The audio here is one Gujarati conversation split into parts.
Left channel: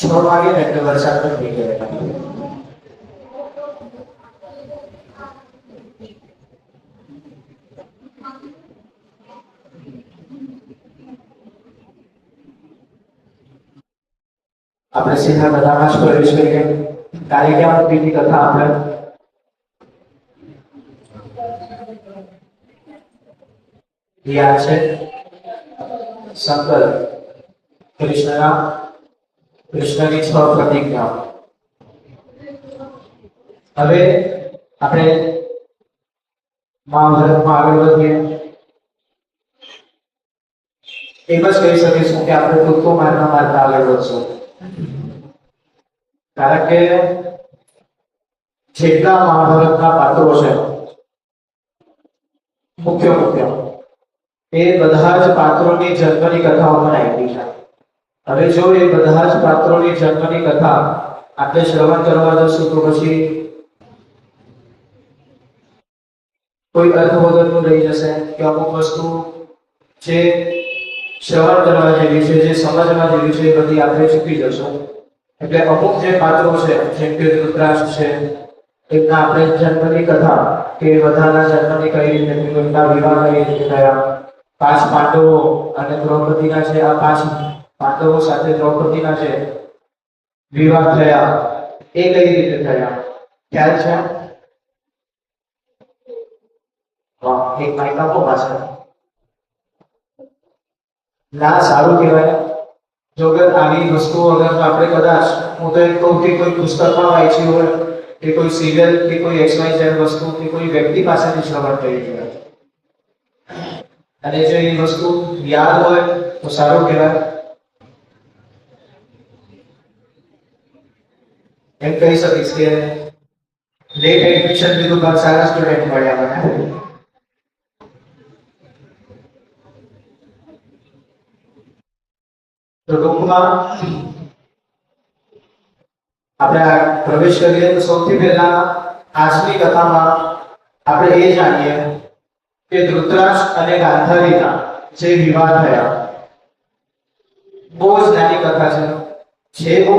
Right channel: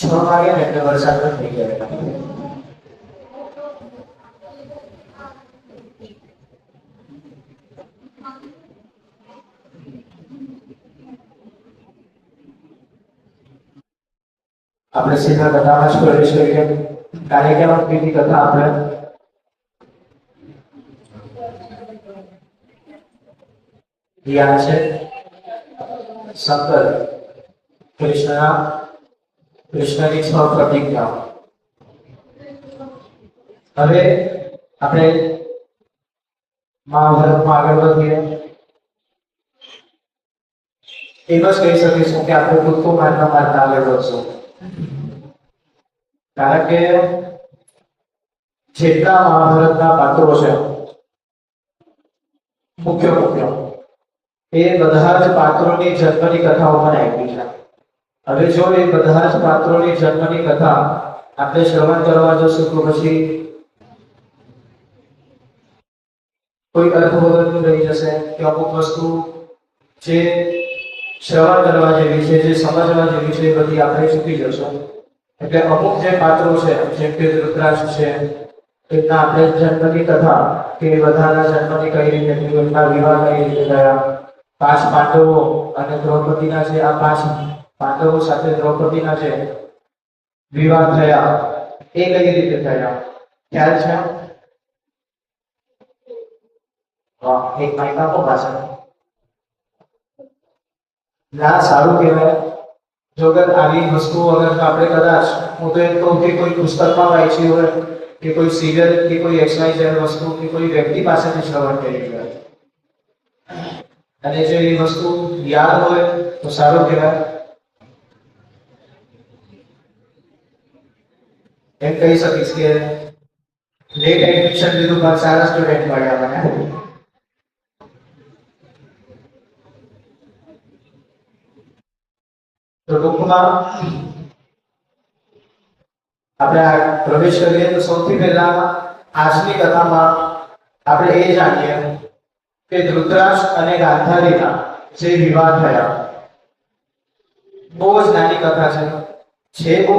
6 વાગે ને એટલે વરસાદ પણ થઈ ગયો. આપણે સીધા કથામાં જ પ્રવેશ કરીએ. કાલિકાની કથા આપણે યાદ છે. શંકર કૃષ્ણની 6 પ્રતિજ્ઞા. હવે આપણે મહાભારતમાં આગળ વધીએ. એમ જ કહી શકીશું કે આપણે કૂદકો મારતા આગળ વધશું. કારણ કે જેટલા મહાભારતના પાત્રો છે મુખ્ય એ બધા જ પાત્રોની જન્મની કથાઓ પણ આપી છે. હવે જો એ બધા જ પાત્રોની જન્મની કથા આપણે શ્રવણ કરવા જશું તો પછી કોઈ અર્થ વગરનું રહી જશે કે અમુક વસ્તુ જે શ્રવણ કરવા જેવી છે, જે સમજવા જેવી છે, એ બધી આપણે ચૂકી જશું. એટલે અમુક જે પાત્રો છે, જેમ કે ધૃતરાષ્ટ્ર છે, એમના આપણે જન્મની કથા કે બધાના જન્મની કઈ રીતે એમના વિવાહ કઈ રીતે થયા, 5 પાંડવો અને દ્રૌપદીના છે, આ 5 પાંડવો સાથે દ્રૌપદીના છે વિવાહ થયા, એ કઈ રીતે થયા ખ્યાલ છે? એક માઇક આપો પાછળ. ના, સારું કહેવાય. જો આવી વસ્તુઓ અગર આપણે કદાચ હું તો એમ કહું કે કોઈ પુસ્તકમાં વાંચી હોય કે કોઈ સિરિયલ કે કોઈ XYZ વસ્તુ કે કોઈ વ્યક્તિ પાસેથી શ્રવણ કરી હોય અને જો એ વસ્તુ યાદ હોય તો સારું કહેવાય. એમ કહી શકીશ કે લેટ એડમિશન લીધું પણ સારા સ્ટુડન્ટ મળ્યા મને. તો ટૂંકમાં આપણે પ્રવેશ કરીએ તો સૌથી પહેલા આજની કથામાં આપણે એ જાણીએ કે ધૃતરાષ્ટ્ર અને ગાંધારીના જે વિવાહ થયા. બહુ જ નાની કથા છે બહુ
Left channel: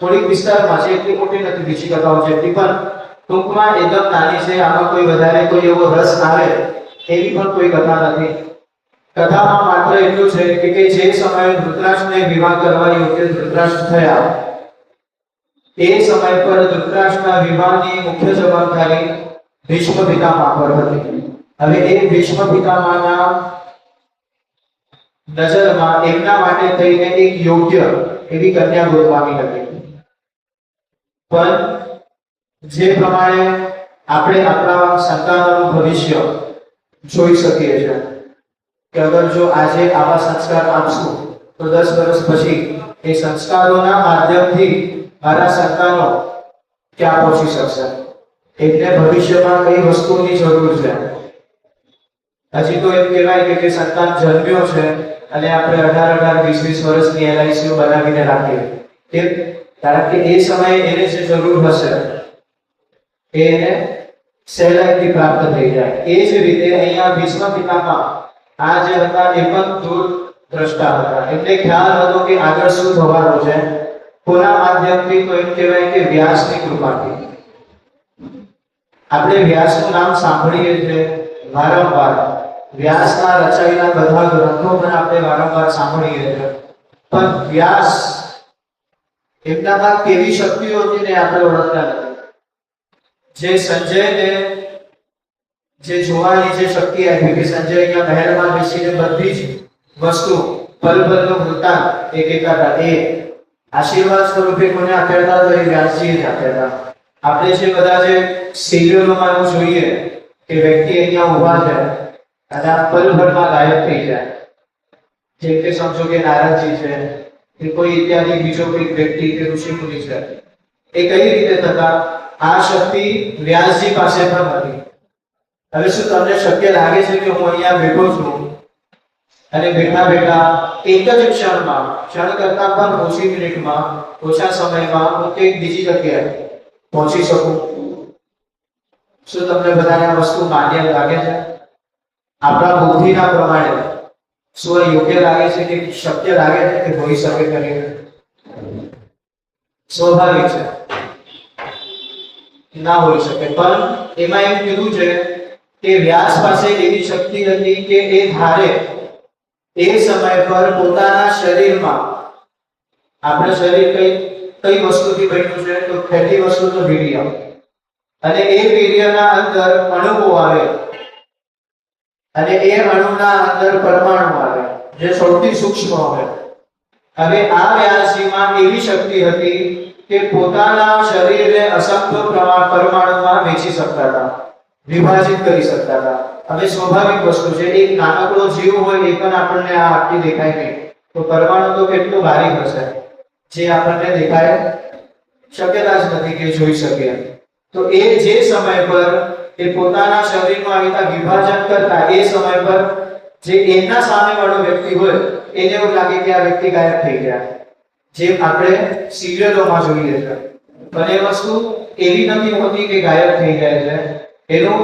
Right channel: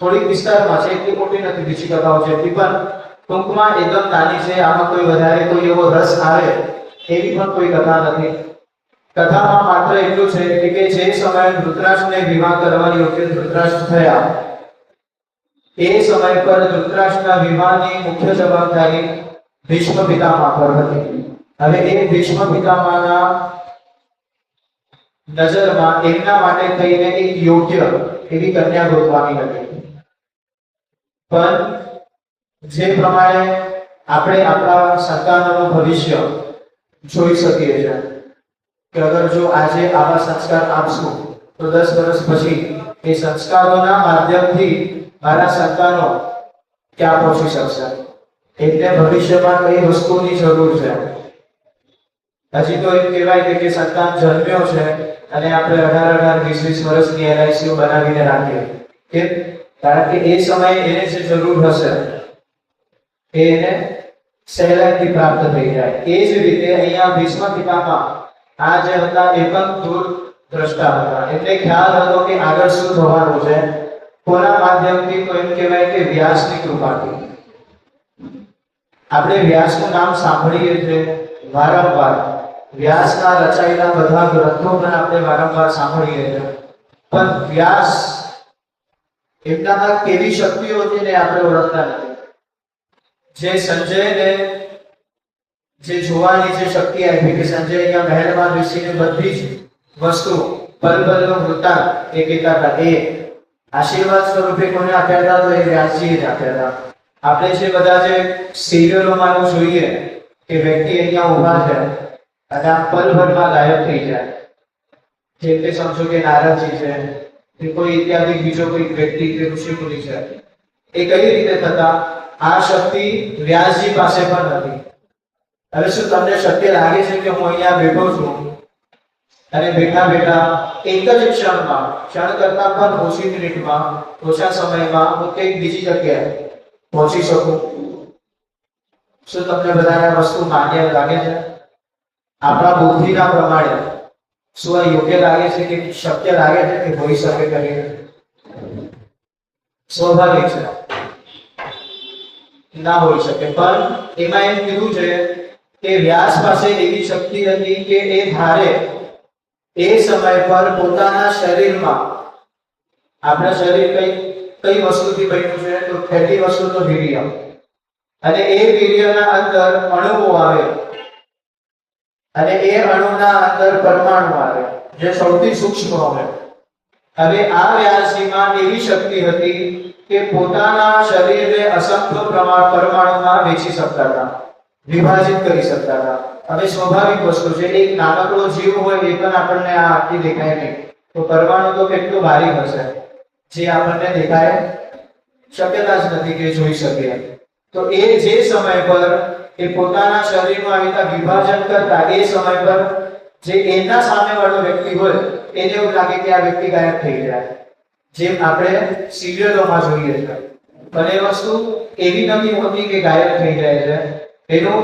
થોડીક વિસ્તારમાં છે, એટલી મોટી નથી બીજી કથાઓ જેટલી, પણ ટૂંકમાં એકદમ નાની છે. આમાં કોઈ વધારે કોઈ એવો રસ આવે એવી પણ કોઈ કથા નથી. કથામાં માત્ર એટલું છે કે જે સમયે ધૃતરાષ્ટ્રને વિવાહ કરવા યોગ્ય ધૃતરાષ્ટ્ર થયા એ સમય પર ધૃતરાષ્ટ્રના વિવાહની મુખ્ય જવાબદારી ભીષ્મ પિતામહ પર હતી. હવે એ ભીષ્મ પિતામહના નજરમાં એમના માટે થઈને એક યોગ્ય એવી કન્યા ગોતવાની હતી. પણ જે પ્રમાણે આપણે આપણા સંતાનોનું ભવિષ્ય જોઈ શકીએ છીએ કે અગર જો આજે આવા સંસ્કાર આપશું તો 10 વર્ષ પછી એ સંસ્કારોના માધ્યમથી મારા સંતાનો ક્યાં પહોંચી શકશે. એટલે ભવિષ્યમાં કઈ વસ્તુની જરૂર છે. હજી તો એમ કહેવાય કે જે સંતાન જન્મ્યો છે અને આપણે 18-20 વર્ષની LICઓ બનાવીને રાખીએ, કેમ? કારણ કે એ સમયે એને જે જરૂર હશે એને સહેલાઈથી પ્રાપ્ત થઈ જાય. એ જ રીતે અહીંયા ભીષ્મ પિતામહ આ જે હતા એ પણ દૂર દ્રષ્ટા હતા. એમને ખ્યાલ હતો કે આગળ શું થવાનું છે. કોના માધ્યમથી? તો એમ કહેવાય કે વ્યાસની કૃપાથી. આપણે વ્યાસનું નામ સાંભળીએ છીએ વારંવાર. વ્યાસના રચાયેલા બધા ગ્રંથો પણ આપણે વારંવાર સાંભળીએ છીએ, પણ વ્યાસ એમનામાં કેવી શક્તિઓ હતી ને આપણે ઓળખતા નથી. જે સંજયને જે જોવાની જે શક્તિ આપી કે સંજય અહીંયા મહેલમાં બેસીને બધી જ વસ્તુ પલ-પલનો વૃત્તાંત એ કહેતા હતા, એ આશીર્વાદ સ્વરૂપે કોને આપ્યા હતા? તો એ વ્યાસજીએ જ આપ્યા હતા. આપણે જે બધા જે સિરિયલોમાં જોઈએ કે વ્યક્તિ અહીંયા ઊભા છે અને આ પલભરમાં ગાયબ થઈ જાય, જેમ કે સમજો કે નારદજી છે કે કોઈ ઇત્યાદિ બીજો કોઈ વ્યક્તિ કે ઋષિમુનિ છે, એ કઈ રીતે થતા? આ શક્તિ વ્યાસજી પાસે પણ હતી. હવે શું તમને શક્ય લાગે છે કે હું અહીંયા બેઠો છું અને બેઠા એક જ ક્ષણ કરતા પણ ઓછી મિનિટમાં, ઓછા સમયમાં હું કંઈક બીજી જગ્યાએ પહોંચી શકું? શું તમને બધાને આ વસ્તુ માન્ય લાગે છે? આપણા બુદ્ધિના પ્રમાણે શું યોગ્ય લાગે છે કે શક્ય લાગે છે કે હોઈ શકે? કરીએ સ્વાભાવિક છે, ના હોઈ શકે. પણ એમાં એમ કીધું છે કે વ્યાસ પાસે એવી શક્તિ હતી કે એ ધારે એ સમય પર પોતાના શરીરમાં, આપણા શરીર કઈ વસ્તુથી બન્યું છે? તો પહેલી વસ્તુ તો વીર્ય, અને એ વીર્યના અંદર અણુઓ આવે, અને એ અણુના અંદર પરમાણુ આવે, જે સૌથી સૂક્ષ્મ હોય. હવે આ વ્યાસજીમાં એવી શક્તિ હતી કે પોતાના શરીરને અસંખ્ય પરમાણુમાં વહેંચી શકતા હતા, વિભાજિત કરી શકતા હતા. હવે સ્વાભાવિક વસ્તુ છે, એક નાનકડો જીવ હોય એ પણ આપણને આ આખી દેખાય નહીં, તો પરમાણુ તો કેટલું ભારી હશે જે આપણને દેખાય, શક્યતા જ નથી કે જોઈ શકીએ. તો એ જે સમય પર એ પોતાના શરીરમાં આવીતા વિભાજન કરતા, એ સમય પર જે એના સામે વાળો વ્યક્તિ હોય એને એવું લાગે કે આ વ્યક્તિ ગાયબ થઈ ગયા, જેમ આપણે સિરિયલોમાં જોઈએ છે. પણ એ વસ્તુ એવી નથી હોતી કે ગાયબ થઈ જાય છે. એનું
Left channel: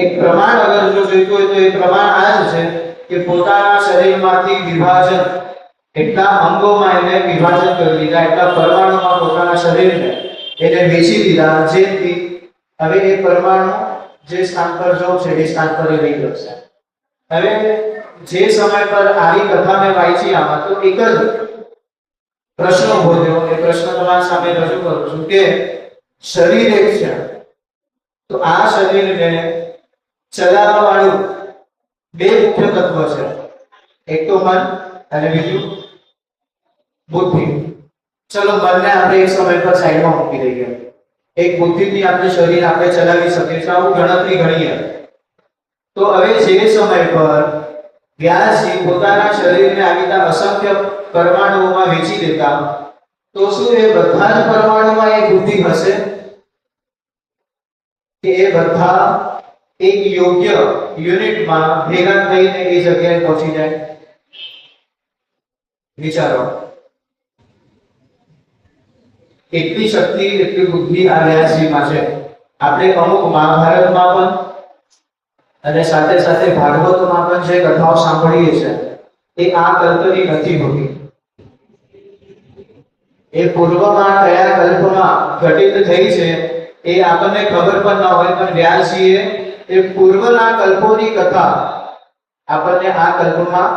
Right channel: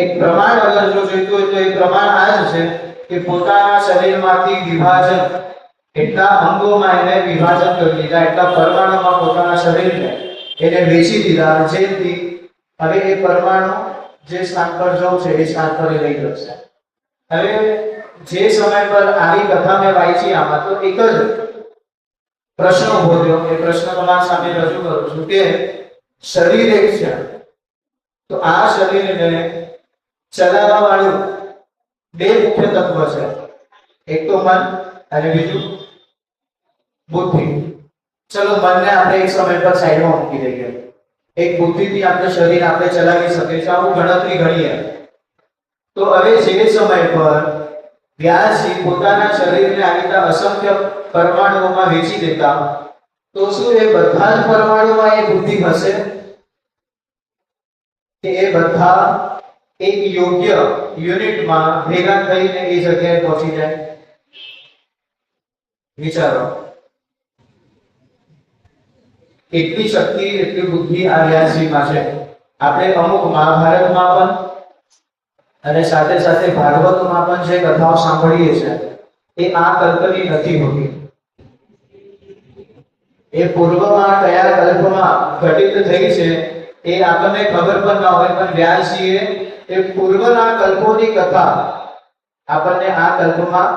એક પ્રમાણ અગર જો જોઈતું હોય તો એ પ્રમાણ આ જ છે કે પોતાના શરીરમાંથી વિભાજન, એટલા અંગોમાં એને વિભાજન કરી દીધા, એટલા પરમાણુમાં પોતાના શરીરને એને વેચી દીધા, જેથી હવે એ પરમાણુ જે સ્થાન પર જવું છે એ સ્થાન પર લઈ જશે. હવે જે સમય પર આવી કથા મેં વાંચી, આમાં તો એક જ પ્રશ્ન ઉભો થયો. એ પ્રશ્ન તમારા સામે રજૂ કરું છું કે શરીર એક છે, તો આ શરીરને ચલાવવા વાળું બે મુખ્ય તત્વ છે, એક તો મન અને બીજું બુદ્ધિ. ચલો મનને આપણે એક સમય પર સાઈડમાં મૂકી દઈએ. એક બુદ્ધિથી આપણે શરીર આપણે ચલાવી શકીએ છીએ, આવું ગણતરી ગણીએ. તો હવે જે સમય પર વ્યાસજી પોતાના શરીરને આવીતા અસંખ્ય પરમાણુઓમાં વહેંચી દેતા, તો શું એ બધા જ પરમાણુમાં એ બુદ્ધિ હશે કે એ બધા એક યોગ્ય યુનિટમાં ભેગા થઈને એ જગ્યાએ પહોંચી જાય? વિચારો. એટલી શક્તિ, એટલી બુદ્ધિ આ વ્યાસજીમાં છે. આપણે અમુક મહાભારતમાં પણ અને સાથે સાથે ભાગવતમાં પણ જે કથાઓ સાંભળીએ છીએ એ આ કલ્પની નથી હોતી. એ પૂર્વમાં કયા કલ્પમાં ઘટિત થઈ છે એ આપણને ખબર પણ ન હોય, પણ વ્યાસજીએ એ પૂર્વના કલ્પોની કથા આપણને આ કલ્પમાં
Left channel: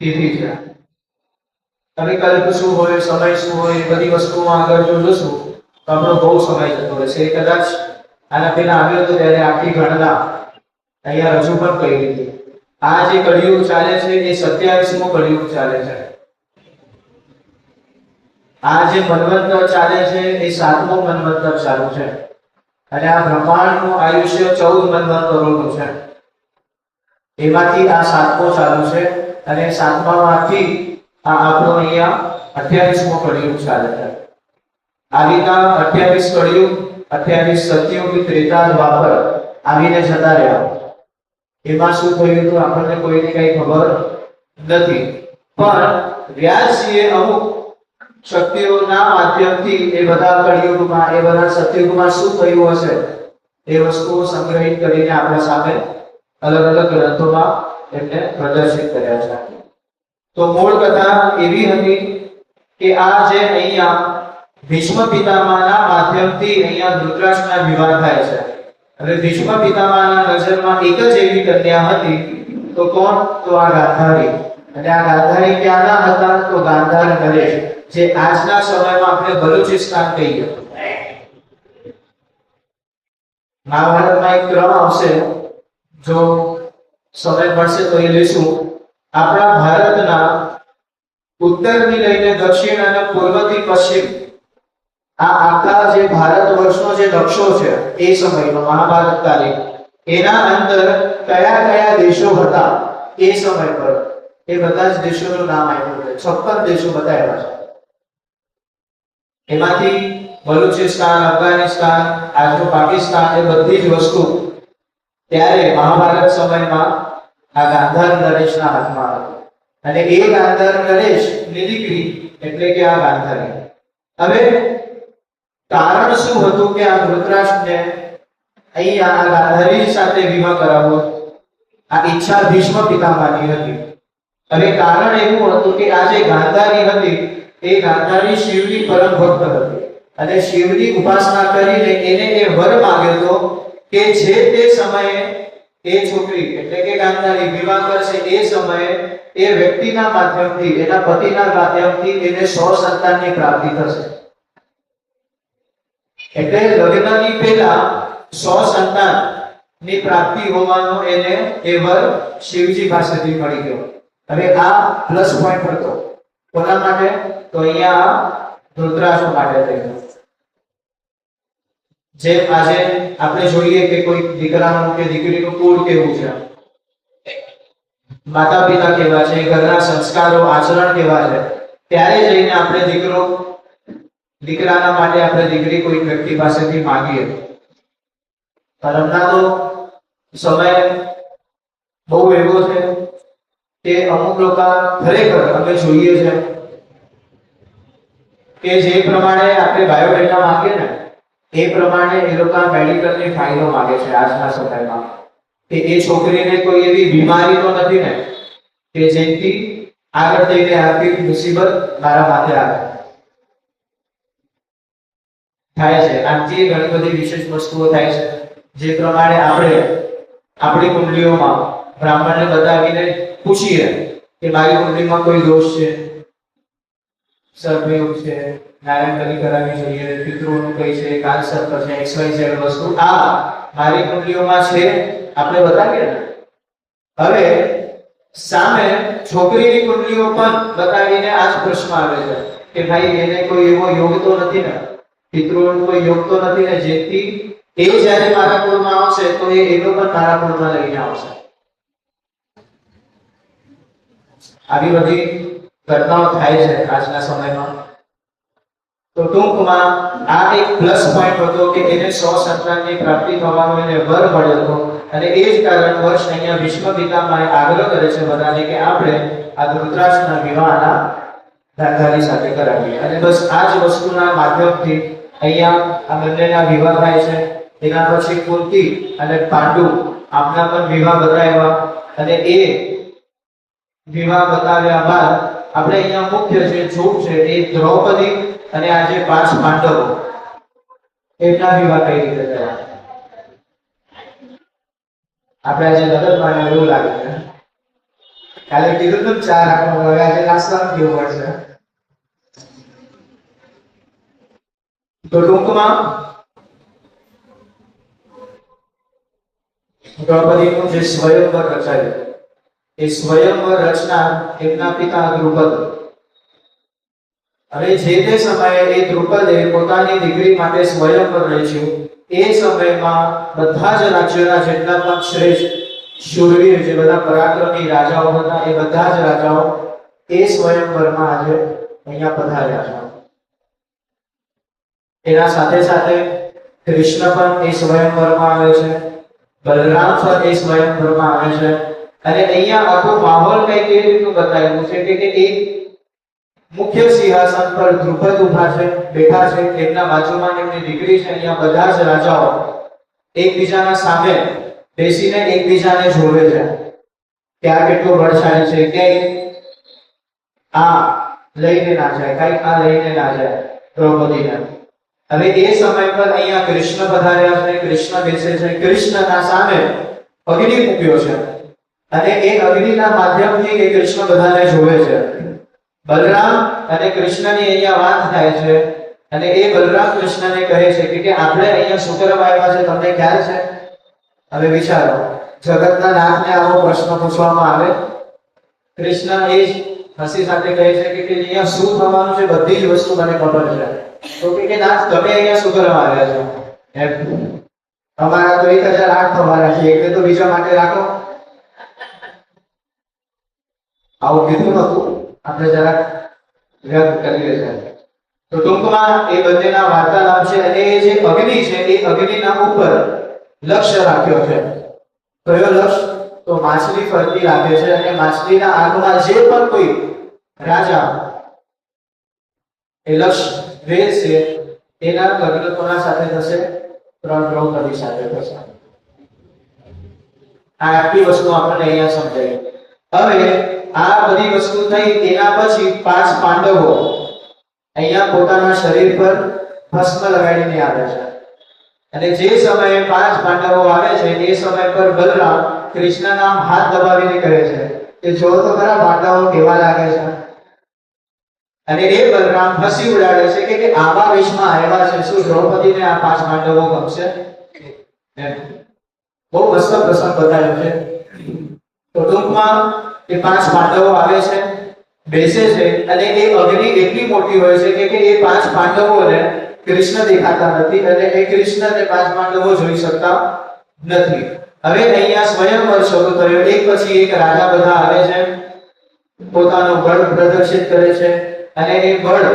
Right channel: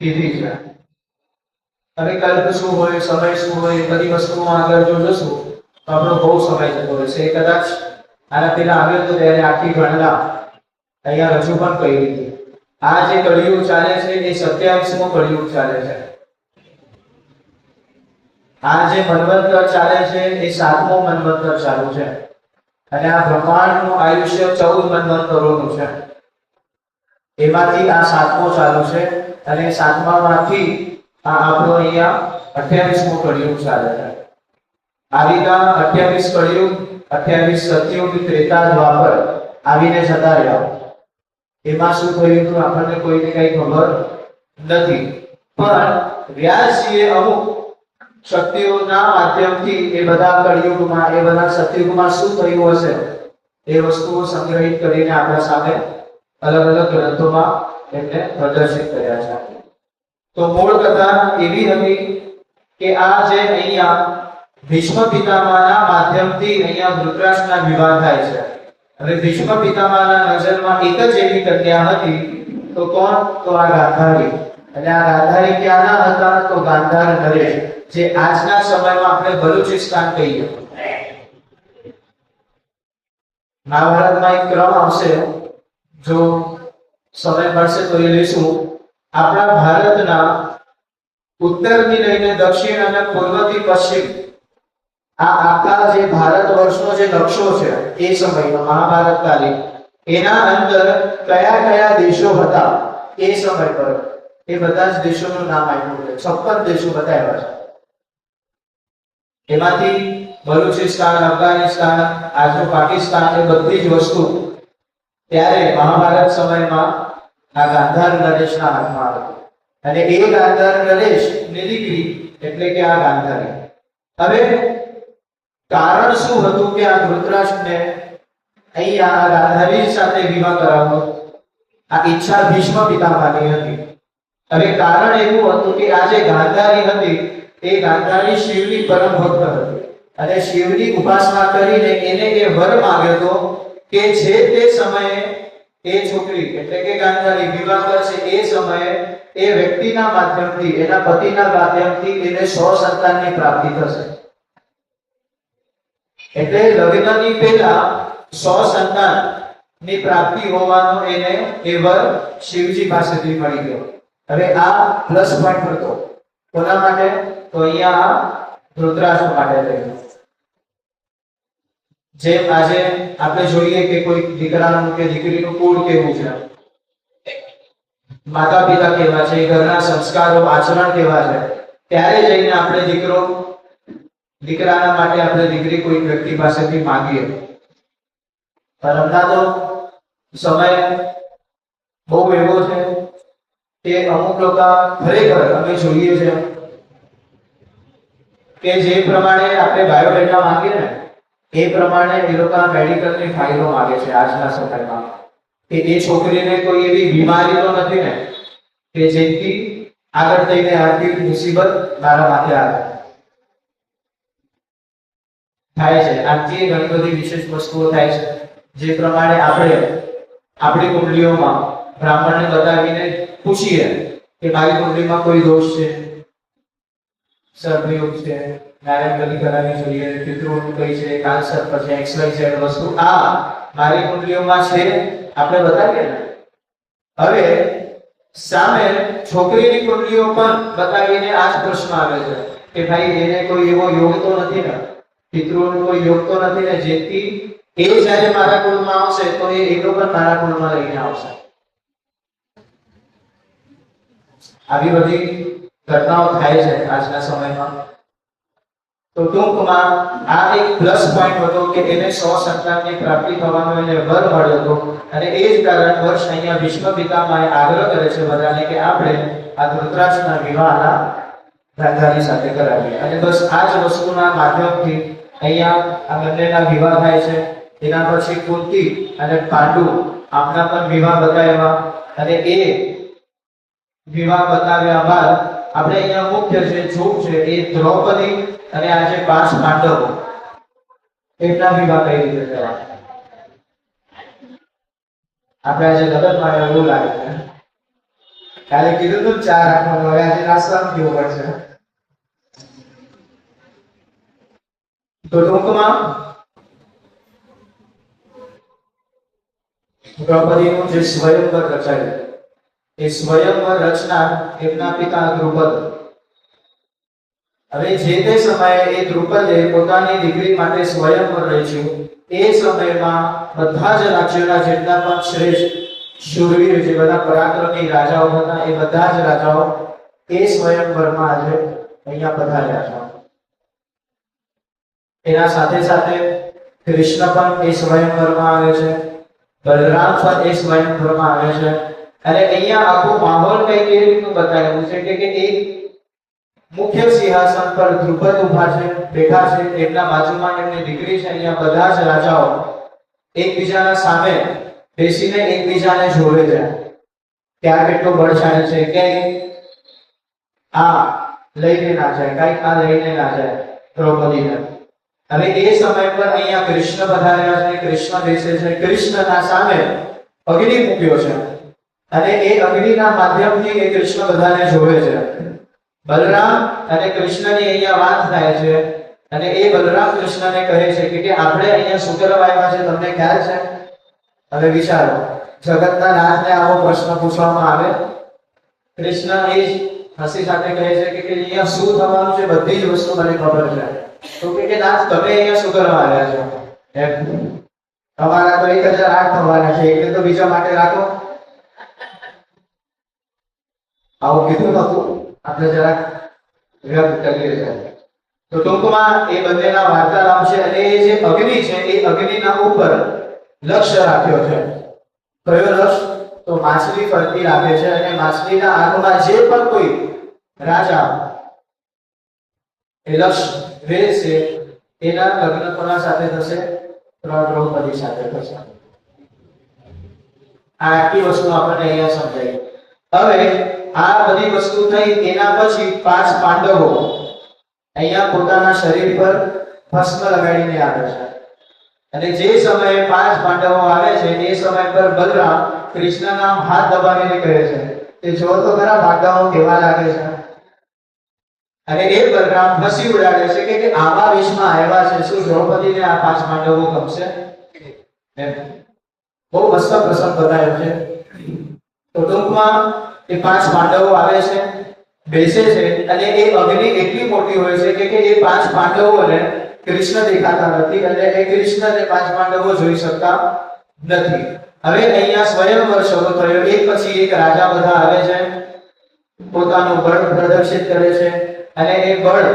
કીધી છે. હવે કલ્પ શું હોય, સમય શું હોય, બધી વસ્તુમાં આગળ જો જોશું તો આપણો બહુ સમય જતો હોય છે. કદાચ આના પહેલા આવ્યો તો ત્યારે આખી ગણના અહીંયા રજૂ પણ કરી દીધી. આ જે કળિયુગ ચાલે છે એ 27મું કળિયુગ ચાલે છે. આ જે મન્વંતર ચાલે છે એ 7મું મન્વંતર ચાલુ છે, અને આ બ્રહ્માંડનું આયુષ્ય 14 મન્વંતરોનું છે. એમાંથી આ 7મો ચાલુ છે, અને 7મામાંથી આ આપણો અહીંયા 28મો કળિયુગ ચાલે છે. આ રીતના 28 કળિયુગ, 28 સતયુગ, ત્રેતા, દ્વાપર આવીને જતા રહ્યા. એમાં શું થયું હતું આપણને કોઈને કઈ ખબર નથી. પણ વ્યાસજીએ અમુક શક્તિઓના માધ્યમથી એ બધા કળિયુગમાં, એ બધા સતયુગમાં શું થયું હશે એ વસ્તુઓ સંગ્રહિત કરીને આપણા સામે અલગ અલગ ગ્રંથોમાં એમને પ્રદર્શિત કર્યા છે. તો મૂળ કથા એવી હતી કે આ જે અહીંયા ભીષ્મ પિતામહના માધ્યમથી અહીંયા ધૃતરાષ્ટ્રના વિવાહ થાય છે. હવે ભીષ્મ પિતામહના નજરમાં એક જ એવી કન્યા હતી, તો કોણ? તો આ ગાંધારી. અને આ ગાંધારી ક્યાંના હતા? તો ગાંધાર નરેશ, જે આજના સમયમાં આપણે બલુચિસ્તાન કહીએ. મહાભારતમાં એક ક્રમ આવશે, જો સમય મળશે તો એ લઈશું. આપણા ભારતના ઉત્તરથી લઈને દક્ષિણ અને પૂર્વથી પશ્ચિમ, આ આખા જે ભારત વર્ષનો જે નકશો છે એ સમયનો મહાભારત કાલીન, એના અંદર કયા કયા દેશો હતા એ સમય પર, એ બધા જ દેશોનું નામ આપ્યું છે. 56 દેશો બતાવ્યા છે. એમાંથી બલુચિસ્તાન, અફઘાનિસ્તાન, આજનું પાકિસ્તાન, એ બધી જ વસ્તુ ત્યારે મહાભારત સમયમાં આ ગાંધાર નરેશના હાથમાં હતી. અને એ ગાંધાર નરેશ ની દીકરી એટલે કે આ ગાંધારી. હવે કારણ શું હતું કે આ ધૃતરાષ્ટ્રને અહીંયા આ ગાંધારી સાથે વિવાહ કરાવવો? આ ઈચ્છા ભીષ્મ પિતામહની હતી. હવે કારણ એવું હતું કે આ જે ગાંધારી હતી એ ગાંધારી શિવની પરમ ભક્ત હતી અને શિવની ઉપાસના કરીને એને એ વર માંગ્યો હતો કે જે તે સમયે એ છોકરી એટલે કે ગાંધારી વિવાહ કરશે એ સમયે એ વ્યક્તિના માધ્યમથી એના પતિના માધ્યમથી એને 100 સંતાનની પ્રાપ્તિ થશે. એટલે લગ્નની પહેલા 100 સંતાનની પ્રાપ્તિ હોવાનો એને એ વર શિવજી પાસેથી મળી ગયો. હવે આ પ્લસ પોઈન્ટ હતો કોના માટે? તો અહીંયા ધૃતરાષ્ટ્ર માટે થયો. જેમ આજે આપણે જોઈએ કે કોઈ દીકરાનું કે દીકરીનું કુળ કેવું છે, માતા પિતા કેવા છે, ઘરના સંસ્કારો આચરણ કેવા છે, ત્યારે જઈને આપણે દીકરાના માટે આપણે દીકરી કોઈ વ્યક્તિ પાસેથી માંગીએ. પણ હમણાં તો સમય બહુ એવો છે કે અમુક લોકો ખરેખર અમે જોઈએ છે કે જે પ્રમાણે આપણે બાયોડેટા માંગીએ ને એ પ્રમાણે એ લોકો મેડિકલની ફાઇલો માંગે છે આજના સમયમાં કે એ છોકરીને કોઈ એવી બીમારી તો નથી ને કે જેથી આગળ જઈને આર્થિક મુસીબત મારા માથે આવે. થાય છે આથી ઘણી બધી વિશેષ વસ્તુઓ થાય છે જે પ્રમાણે આપણે આપણી કુંડલીઓમાં બ્રાહ્મણને બતાવીને પૂછીએ કે મારી કુંડલીમાં કોઈ દોષ છે, સર્વયોગ છે, નારાયણ કરવાની જોઈએ, પિતૃનું કઈ છે, કાલ સર્પ છે, XYZ વસ્તુ આ મારી કુંડલીઓમાં છે આપણે બતાવીએ ને. હવે સામે છોકરીની કુંડલીઓ પણ બતાવીને આ જ પ્રશ્ન આવે છે કે ભાઈ એને કોઈ એવો યોગ તો નથી ને, પિતૃનો કોઈ યોગ તો નથી ને જેથી એ જ્યારે મારા કુળમાં આવશે તો એ એનો પણ મારા કુળમાં લઈને આવશે. આવી બધી ઘટનાઓ થાય છે આજના સમયમાં. તો ટૂંકમાં આ એક પ્લસ પોઈન્ટ હતો કે એને 100 સંતાનની પ્રાપ્તિ થવાનો એને વર મળ્યો હતો અને એ જ કારણ વર્ષ અહીંયા વિશ્વ પિતામહે આગ્રહ કરે છે બધાને કે આપણે આ ધૃતરાષ્ટ્રના વિવાહના ગાંધારી સાથે કરાવીએ. અને બસ આ જ વસ્તુના માધ્યમથી અહીંયા આ બંનેના વિવાહ થાય છે. એના પછી કુંતી અને પાંડુ આપના પણ વિવાહ બતાવ્યા અને એ વિવાહ બતાવ્યા બાદ આપણે અહીંયા મુખ્ય છે જોગ છે એ દ્રૌપદી અને આજે 5 પાંડવો એમના વિવાહ કઈ રીતે થયા. આપણે આજે લગ્નમાં એવું લાગે છે કાલે કીધું તો 4 રાખવાનું હવે આજે નાસ્તાનું કેવું પડશે. તો ટૂંકમાં દ્રૌપદીનું જે સ્વયંવર રચાયું એ સ્વયંવર રચનાર એમના પિતા દ્રુપદ. હવે જે તે સમયે એ દ્રુપદે પોતાની દીકરી માટે સ્વયંવર રચ્યું. એ સમયમાં બધા જ રાજ્યોના જેટલા પણ શ્રેષ્ઠ શૂરવીર જે બધા પરાક્રમી રાજાઓ હતા એ બધા જ રાજાઓ એ સ્વયંવરમાં આજે અહીંયા પધાર્યા છે. એના સાથે સાથે કૃષ્ણ પણ એ સ્વયંવરમાં આવે છે, બલરામ પણ એ સ્વયંવરમાં આવે છે. અને અહીંયા આખો માહોલ કઈ કેવી રીતનું બતાવ્યું છે કે એક મુખ્ય સિંહાસન પર દ્રુપદ ઊભા છે, બેઠા છે, એમના બાજુમાં એમની દીકરી છે. અહીંયા બધા જ રાજાઓ એકબીજાના સામે બેસીને એકબીજાને જોવે છે કે આ કેટલો બળશાળી છે, કે આ લઈને ના જાય, કઈ આ લઈને ના જાય દ્રૌપદીને. અને એ સમય પર અહીંયા કૃષ્ણ પધાર્યા છે, કૃષ્ણ બેસે છે. કૃષ્ણના સામે અગ્નિ મૂક્યો છે અને એ અગ્નિના માધ્યમથી એ કૃષ્ણ બધાને જોવે છે. બલરામ અને કૃષ્ણની અહીંયા વાત થાય છે અને એ બલરામ કૃષ્ણને કહે છે કે આપણે અહીંયા શું કરવા આવ્યા છે તમને ખ્યાલ છે? હવે વિચારો, જગતના નાથને આવો પ્રશ્ન પૂછવામાં આવે. કૃષ્ણ એ હસી સાથે કહે છે કે અહીંયા શું થવાનું છે બધી જ વસ્તુ મને ખબર છે. તો કે નાથ તમે અહીંયા શું કરવા આવ્યા છો? અમારા તો 1008 થવાના છે એટલે તો બીજા માટે રાખો. આવું કીધું હતું, આપણે જરા વ્યક્ત કરીએ છીએ. તો ટૂંકમાં એ બંનેના વાર્તાલાપ છે અને એ જે અગ્નિ છે એ અગ્નિના ઉપર લક્ષ્ય રાખ્યો છે. કયો લક્ષ્ય? તો માછલી ફરતી રાખે છે અને માછલીના આંખમાં જે પણ કોઈ રાજા એ લક્ષ્ય વેચશે એના લગ્ન કોના સાથે થશે? દ્રૌપદી સાથે થશે. આ આખી વસ્તુ આપણને અહીંયા સમજાય. હવે આ બધી વસ્તુ થઈ એના પછી 5 પાંડવો અહીંયા પોતાના શરીર પર ભસ્મ લગાડીને આવે છે અને જે સમયે 5 પાંડવો આવે છે એ સમય પર બલરામ કૃષ્ણના હાથ દબાવીને કહે છે કે જો તો ખરા પાંડવો કેવા લાગે છે અને એ બલરામ હસી ઉડાડે છે કે આવા વેશમાં આવ્યા છે, શું દ્રૌપદીને આ 5 પાંડવો ગમશે? બહુ મસ્ત પ્રસંગ બતાવ્યો છે. તો ટૂંકમાં એ 5 પાંડવો આવે છે, બેસે છે અને એ અગ્નિ એટલી મોટી હોય છે કે એ 5 પાંડવોને કૃષ્ણ દેખાતા નથી અને એ કૃષ્ણને 5 પાંડવો જોઈ શકતા નથી. હવે અહીંયા સ્વયંવર શરૂ થયો. એક પછી એક રાજા બધા આવે છે, પોતાનું બળ પ્રદર્શિત કરે છે અને એ બળ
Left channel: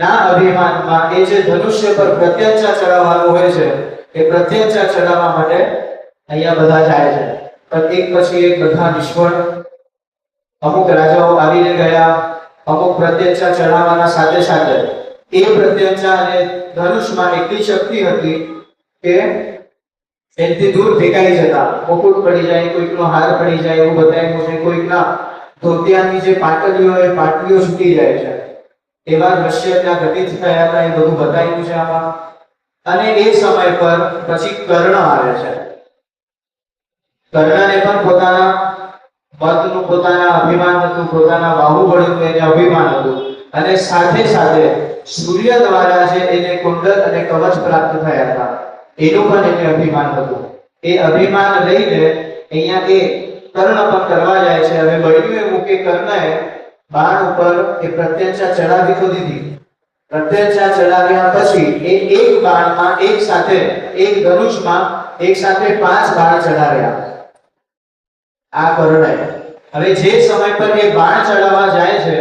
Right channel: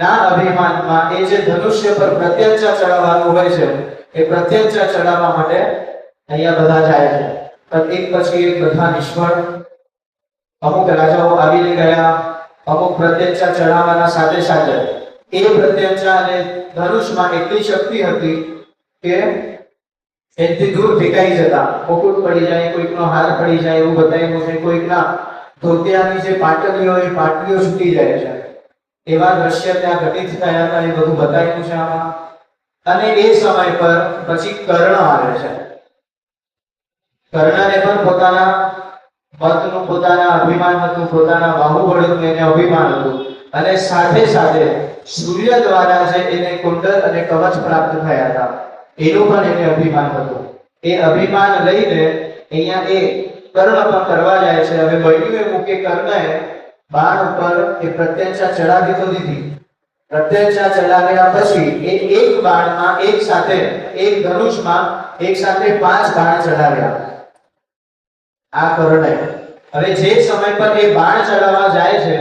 ના અભિમાનમાં એ જે ધનુષ્ય પર પ્રત્યંચા ચડાવવાનું હોય છે એ પ્રત્યંચા ચડાવવા માટે અહીંયા બધા જાય છે. પણ એક પછી એક બધા નિષ્ફળ. અમુક રાજાઓ આવીને ગયા, અમુક પ્રત્યંચા ચડાવવાના સાથે સાથે એ પ્રત્યંચા અને ધનુષમાં એટલી શક્તિ હતી કે એનાથી દૂર ફેંકાઈ જતા. મુકુટ પડી જાય, કોઈકનો હાર પડી જાય એવું બતાવ્યું છે, કોઈકના ધોતિયાની જે પાટલીઓ એ પાટલીઓ છૂટી જાય છે. એવા દ્રશ્ય ત્યાં ઘટિત થયા હતા, એ બધું બતાવ્યું છે આમાં. અને એ સમય પર પછી કર્ણ આવે છે. કર્ણને પણ પોતાના મતનું, પોતાના અભિમાન હતું, પોતાના બાહુબળનું એને અભિમાન હતું અને સાથે સાથે સૂર્ય દ્વારા જે એને કુંડલ અને કવચ પ્રાપ્ત થયા હતા એનું પણ એને અભિમાન હતું. એ અભિમાન લઈને અહીંયા એ કર્ણ પણ કરવા જાય છે. હવે બન્યું એવું કે કર્ણએ બાણ ઉપર એ પ્રત્યંચા ચડાવી તો દીધી. પ્રત્યંચા ચડાવ્યા પછી એ એક બાણમાં એક સાથે, એક ધનુષમાં એક સાથે 5 બાણ ચડાવ્યા આ કર્ણએ. હવે જે સમય પર એ બાણ ચડાવવા જાય છે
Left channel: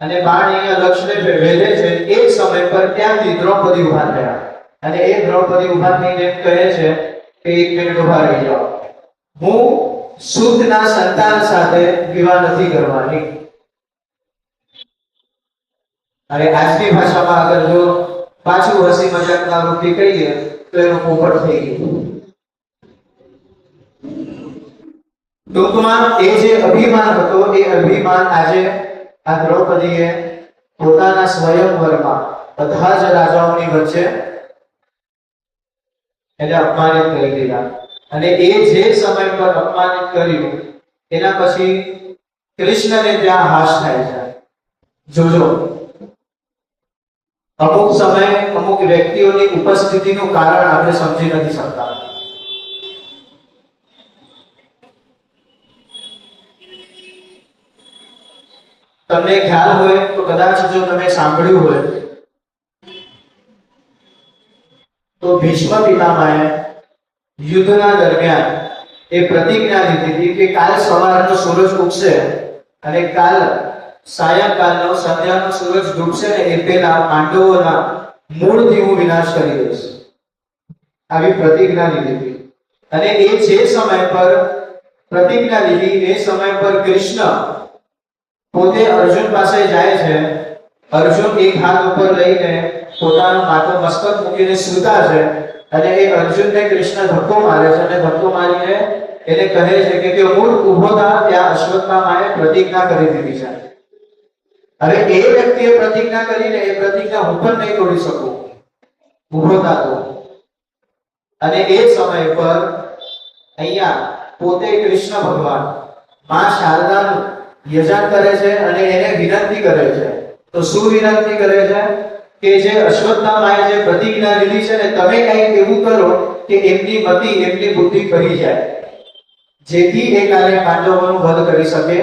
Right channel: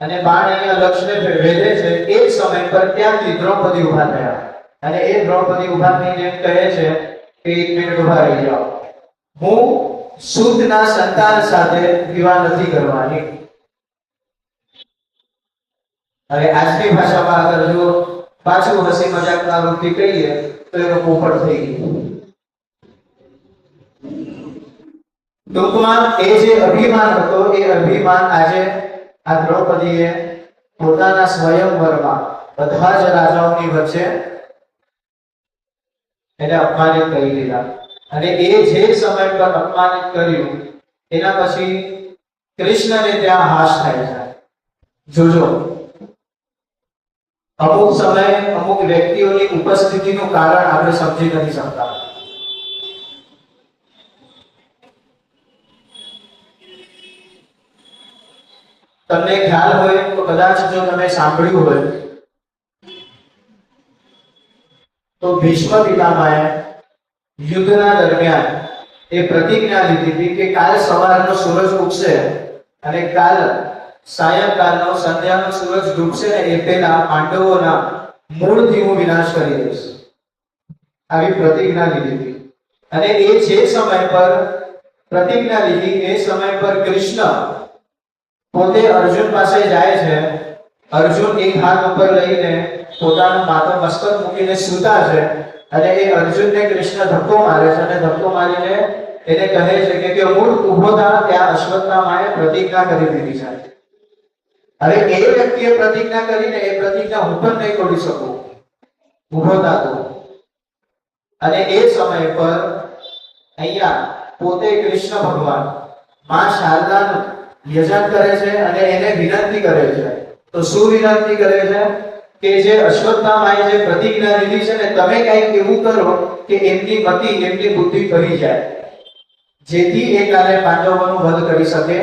અને બાણ અહીંયા લક્ષ્યને ભેદે છે એ સમય પર ત્યાંથી દ્રૌપદી ઊભા થયા અને એ દ્રૌપદી ઊભા થઈને એમ કહે છે કે એક મિનિટ ઊભા રહી જાઓ, હું શુદ્ધના સંતાન સાથે વિવાહ નથી કરવાની. હવે આજની ભાષામાં અગર જો પાછું હસી મજાકના રૂપથી કહીએ તો એનો પોપટ થઈ ગયું. ટૂંકમાં એ જે અભિમાન હતો એ અભિમાન આજે આ દ્રૌપદીએ પોતાના સ્વયંવરમાં બધા જ રાજાઓની વચ્ચે એને અપમાનિત કરી દીધા. અને એ જે સમય પર અપમાનિત કર્યું એના પછી કૃષ્ણને ત્યાં હાશ થાય છે. જોજો, અમુક સમય અમુક વ્યક્તિઓની ઉપસ્થિતિનું કારણ આપણે સમજી નથી શકતા. તમને ખ્યાલ હોય તો કદાચ જો તમે સાંભળ્યું હોય તો ભીષ્મ પિતામહે યુદ્ધના દરમિયાન એ પ્રતિજ્ઞા લીધી હતી કે કાલ સવારનો સૂરજ ઉગશે અને કાલ સાયંકાળનો સંધ્યાનો સૂરજ ડૂબશે ને એ પહેલા પાંડવોના મૂળથી હું વિનાશ કરી દઈશ. આવી પ્રતિજ્ઞા લીધી હતી. અને એ જે સમય પર પ્રતિજ્ઞા લીધી એ સમય પર કૃષ્ણ પોતે અર્જુન પાસે જાય છે. અર્જુન એક હાથ ઉપર લઈને પોતાના માથે મસ્તક મૂકીને સૂતા છે અને એ અર્જુનને કૃષ્ણ ધક્કો મારે છે અને ધક્કો મારીને એને કહે છે કે મૂળ ઊભો થા, ત્યાં અશ્વત્થામાએ પ્રતિજ્ઞા કરી દીધી છે. હવે એ વ્યક્તિએ પ્રતિજ્ઞા કરીને એ પ્રતિજ્ઞા હું પણ નહીં તોડી શકું, ઊભો થા તો. અને એ સમય પર અહીંયા પોતે કૃષ્ણ ભગવાન માં શારદાનું યજન કરે છે અને એને વિનંતી કરે છે. તો શું વિનંતી કરે છે કે જે અશ્વત્થામાએ જે પ્રતિજ્ઞા લીધી છે ને તમે કંઈક એવું કરો કે એમની મતિ, એમની બુદ્ધિ કરી જાય, જેથી એ કાલે પાંડવોનું વધ કરી શકે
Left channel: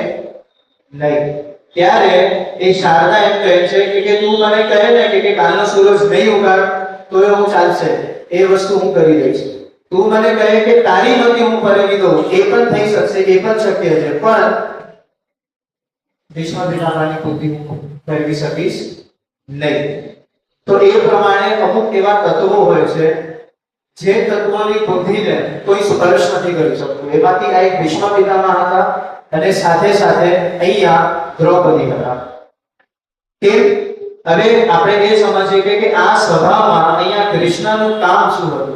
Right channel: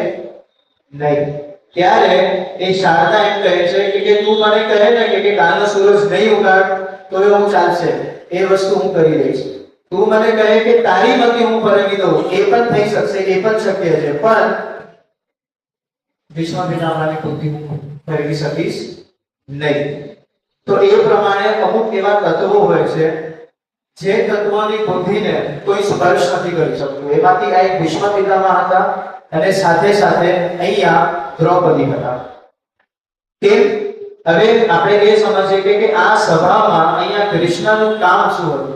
નહીં. ત્યારે એ શારદા એમ કહે છે કે તું મને કહે ને કે કાલનો સૂરજ નહીં ઉગાડ તો એવું ચાલશે, એ વસ્તુ હું કરી દઈશ. તું મને કહે કે તારી મતિ હું ફરવી દઉં, એ પણ થઈ શકશે, એ પણ શક્ય છે, પણ ભીષ્મ પિતામહની બુદ્ધિ ફેરવી શકીશ નહીં. તો એ પ્રમાણે અમુક એવા તત્વો હોય છે જે તત્વોની બુદ્ધિને કોઈ સ્પર્શ નથી કરી શકતું. એમાંથી આ એક ભીષ્મ પિતામહ હતા અને સાથે સાથે અહીંયા દ્રૌપદી હતા. કે હવે આપણે એ સમજીએ કે આ સભામાં અહીંયા કૃષ્ણનું કામ શું હતું?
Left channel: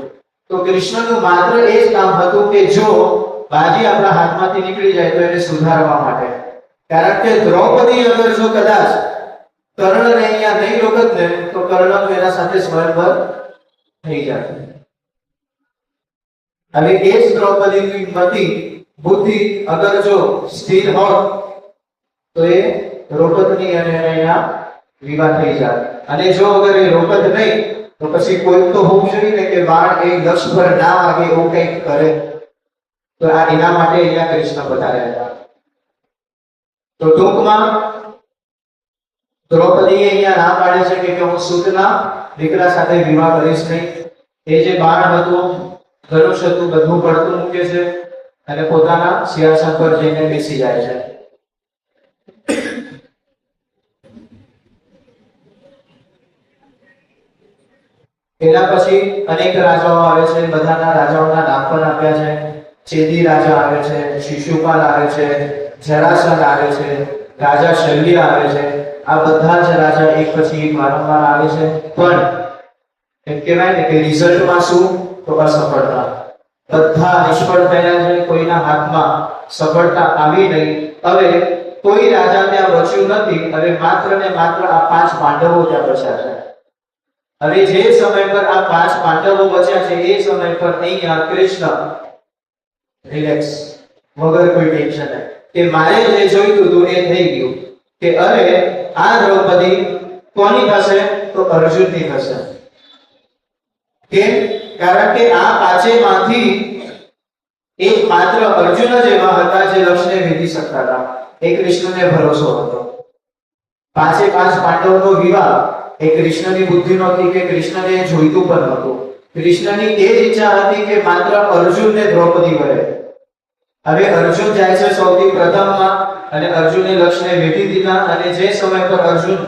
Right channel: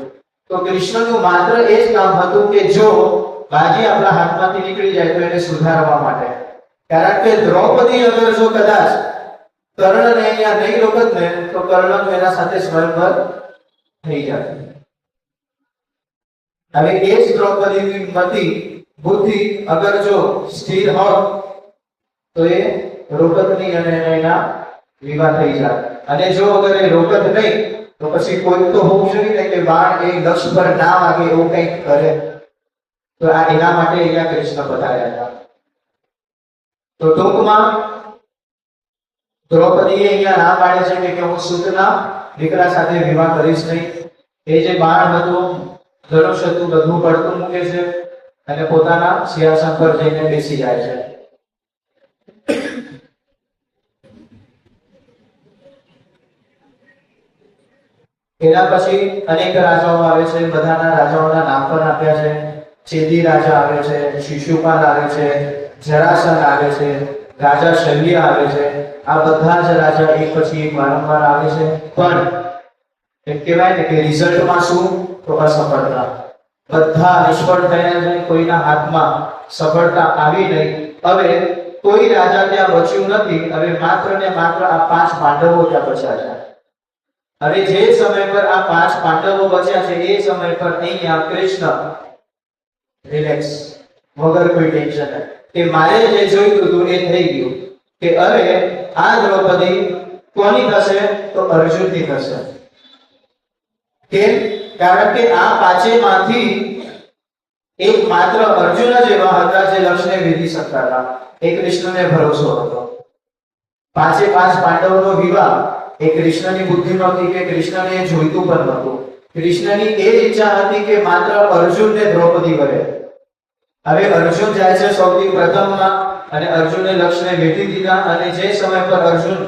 તો કૃષ્ણનું માત્ર એ જ કામ હતું કે જો બાજી આપણા હાથમાંથી નીકળી જાય તો એને સુધારવા માટે. કારણ કે દ્રૌપદી અગર જો કદાચ કર્ણને અહીંયા નહીં રોકત ને તો કર્ણ એના સાથે સ્વયંવર થઈ જાય. હવે એ જ દ્રૌપદીની મતિ બુદ્ધિ અગર જો સ્થિર હોત તો એ રોકતની અને એના વિવાહ થઈ જાય. અને જો અગર એ રોકત નહીં તો પછી કોઈ તો હોવું જોઈએ ને કે બાણ એ લક્ષ્ય પર ના વાગે એવું કંઈક કરે. તો આ એના માટે અહીંયા કૃષ્ણ બતાવ્યા હતા. તો ટૂંકમાં દ્રૌપદીએ અહીંયા ના પાડે છે કે હું સૂતના દીકરા સાથે વિવાહ કરીશ નહીં. એ જે બાણ હતું, ધનુષ હતું, બધું પડતું મૂકે છે અને પોતાના સિંહાસન પર જઈને બેસી જાય છે. એના પછી અનેક રાજાઓ આવે છે. બધાના રાજાઓના નામ પણ આપ્યા છે. ચેદી રાજા આવે છે, શિશુપાલ આવે છે, જરાસંઘ આવે છે, રાજા શલ્ય આવે છે. આ બધા જ રાજા એક પછી એક વારંવાર આવે છે. પણ એમ કહેવાય ને કે રિઝલ્ટમાં શું? તો અસફળતા. બધા નિષ્ફળ થયા છે. કોઈના હાથમાં સફળતા આવી નહીં. હવે કોઈ રાજા ત્યાં બચ્યું નથી. હવે માત્ર ને માત્ર આ 5 પાંડવો ત્યાં બચ્યા છે. હવે જે સમય પર આ 5 પાંડવો બચ્યા છે એ સમય પર અહીંયા કૃષ્ણ રિલેક્સ, વગર કોઈ ટેન્શન કે મારે જે જોઈતું હતું એ થઈ ગયું. કે હવે આ દ્રૌપદી કોની થશે? તો અર્જુનની થશે. કેમ? કારણ કે આ પાંચેમાંથી એક માત્ર અર્જુન જ એવા હતા જે લક્ષ્યને વેધી શકતા હતા. એ કૃષ્ણને ભરોસો હતો. 5 પાંડવોનો વિવાહ એ કૃષ્ણની બુદ્ધિ નહોતી કે કૃષ્ણને જોઈતું પણ નહોતું. કૃષ્ણની એ જ ઈચ્છા હતી કે માત્ર અર્જુનને દ્રૌપદી વરે. હવે અર્જુન જાય છે સૌથી પ્રથમમાં અને અર્જુને લક્ષ્યને વેઠી દીધા. અને જે સમય પર અર્જુન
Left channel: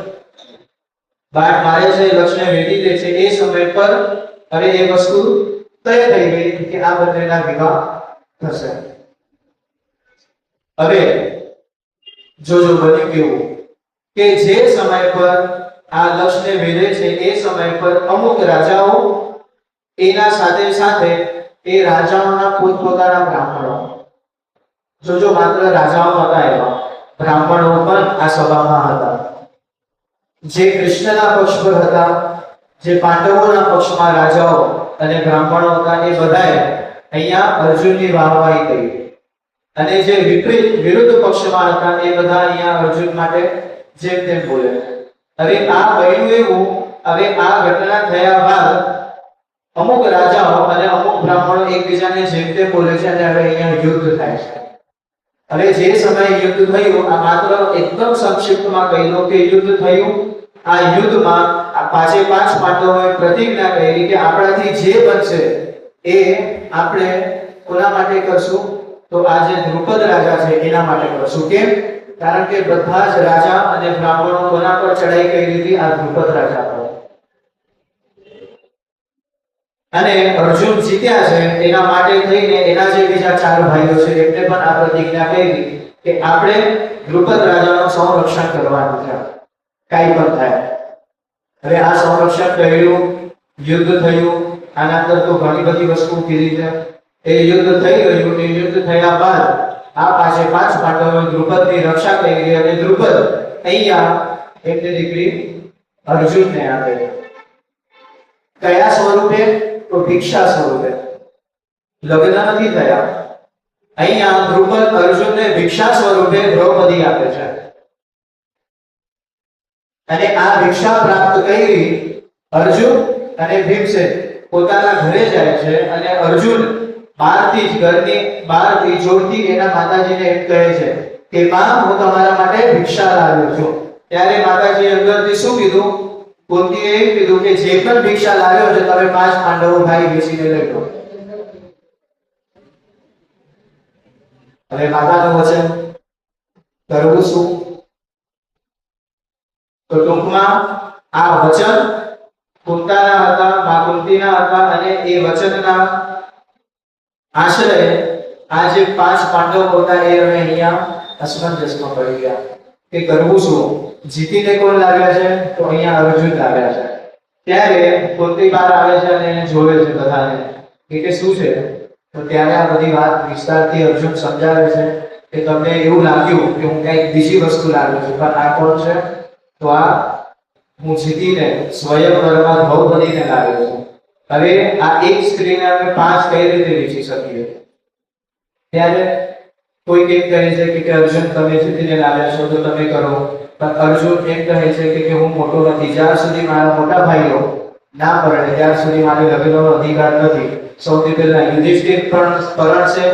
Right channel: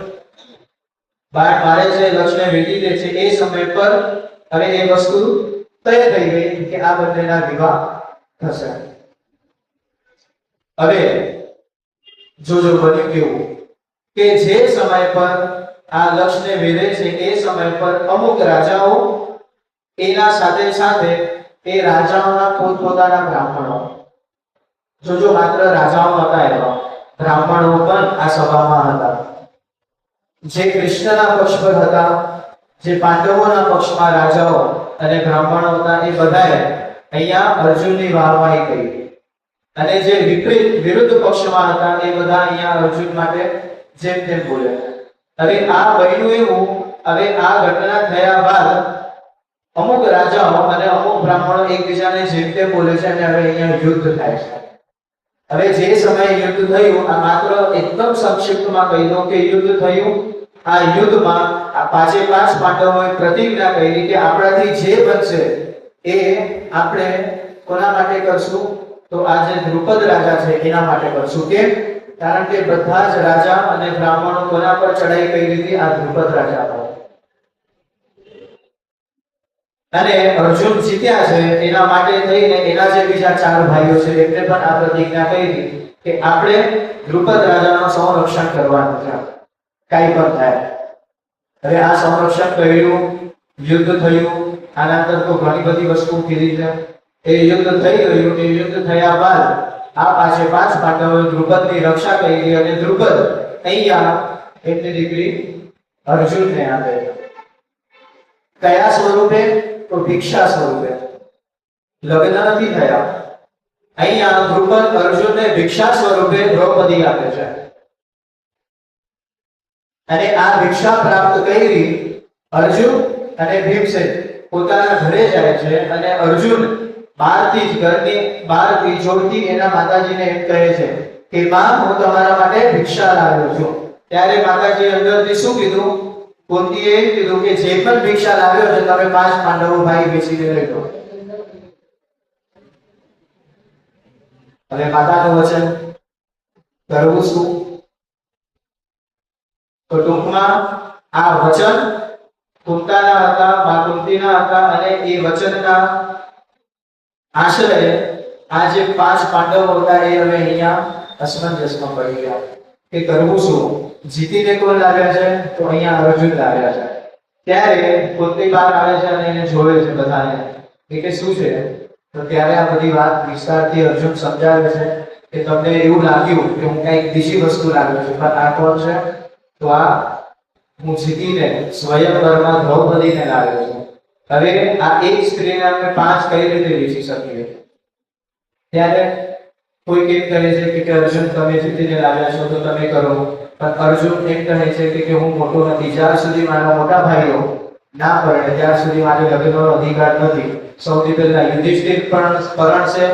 બાણ મારે છે, લક્ષ્યને વેઠી દે છે, એ સમય પર હવે એ વસ્તુ તય થઈ ગઈ કે આ બંનેના વિવાહ થશે. હવે જોજો બન્યું કેવું કે જે સમય પર આ લક્ષ્યને વેધે છે એ સમય પર અમુક રાજાઓ એના સાથે સાથે એ રાજાઓના પોતપોતાના બ્રાહ્મણો, જોજો માત્ર રાજાઓ નહોતા એવા, બ્રાહ્મણો પણ આ સભામાં હતા. જે કૃષ્ણના પક્ષ પર હતા, જે પાંડવોના પક્ષમાં રાજાઓ અને બ્રાહ્મણો હતા, એ બધાએ અહીંયા અર્જુનની વાહવાહી કરી. અને જે વિરુદ્ધ પક્ષમાં હતા એ બધા અહીંયા અર્જુન માટે જેમ તેમ બોલે. હવે આ બન્યું એવું, હવે આ ઘટના થયા બાદ અમુક રાજાઓ અને અમુક બ્રાહ્મણો એકબીજાને જેમ તેમ બોલે છે અને હવે અહીંયા યુદ્ધ થાય છે. હવે જે સમયે યુદ્ધ થયું, આ માત્ર એકદમ સંક્ષિપ્તમાં કહી દઉં કે યુદ્ધ થયું. આ યુદ્ધમાં આ 5 પાંડવોએ પ્રતિજ્ઞા કરી કે આપણાથી જે બનશે એ આપણે કોના માટે કરશું? તો આ જે દ્રુપદ રાજા છે એના માટે કરશું. કેમ? કારણ કે બધા જ રાજા અને બ્રાહ્મણો કોના પર ચડાઈ કરી હતી? આ દ્રુપદ રાજા પર. અને અર્જુન જીત્યા છે એના માટે થઈને એના જે બીજા 4 ભાઈઓ છે એમને પણ આ પ્રતિજ્ઞા કરી કે આપણે દ્રુપદ રાજાનું સંરક્ષણ કરવાનું છે, કાઈ પણ થાય. હવે આ સંરક્ષણ કર્યું, યુદ્ધ થયું. આના અંદર તો ઘણી બધી વસ્તુ કીધી છે. એ યુદ્ધ થઈ ગયું. એ યુદ્ધ થયા બાદ આ 5 પાંડવોએ દ્રુપદની રક્ષા કરી અને દ્રુપદ અહીંયા એમની દીકરી અર્જુનને આપે. કયા સ્વરૂપે? તો ભિક્ષા સ્વરૂપે. લગ્ન નથી થયા. અહીંયા દ્રુપદ અર્જુનને ભિક્ષા સ્વરૂપે દ્રૌપદી આપે છે. અને આ ભિક્ષા પ્રાપ્ત કરી અર્જુન અને ભીમસેન પોતાના ઘરે જાય છે. અને અર્જુન બહારથી જ, ઘરની બહારથી જોરથી એના માતાજીને એમ કહે છે કે માં, હું તમારા માટે ભિક્ષા લાવ્યો છું. ત્યારે માતાજી અંદરથી શું કીધું? કુંતીએ એમ કીધું કે જે પણ ભિક્ષા લાવ્યો છે તમે 5 પાંડવો ભાઈ બેસીને લઈ લો. હવે માતાનું વચન કરવું શું? તો ટૂંકમાં આ વચન કુંતાના હતા, મા કુંતીના હતા. અને એ વચનના આશ્રય આ જે 5 પાંડવો હતા એ હવે અહીંયા અસમંજસમાં પડી ગયા કે કરવું શું? જીતીને કોણ લાવ્યા છે? તો અહીંયા અર્જુન લાવ્યા છે. ત્યારે કુંતી બહાર આવે છે અને એને જોવે છે બધાને કે શું છે. તો ત્યારે આ બધી વાત વિસ્તારથી અર્જુન સમજાવે છે કે તમને એવું લાગ્યું કે હું કંઈક બીજી વસ્તુ લાવ્યો છું, પણ આ કોણ છે? તો આ હું જીતીને સ્વયંવરમાં દ્રૌપદીને લાવ્યો છું. હવે આ એક સ્ત્રીને અમે 5 કઈ રીતે વેચી શકીએ? ત્યારે કોઈ એમ કહે છે કે અર્જુન તમે જીતીને લાવ્યા છો તો તમે કરો, પણ અર્જુન એમ કહે છે કે હું મોટો નથી, જ્યાં સુધી મારા મોટા ભાઈઓ ના પરણે ત્યાં સુધી મારે લગ્નનો અધિકાર નથી. સૌથી પહેલા યુધિષ્ઠિર પણ પરણશે,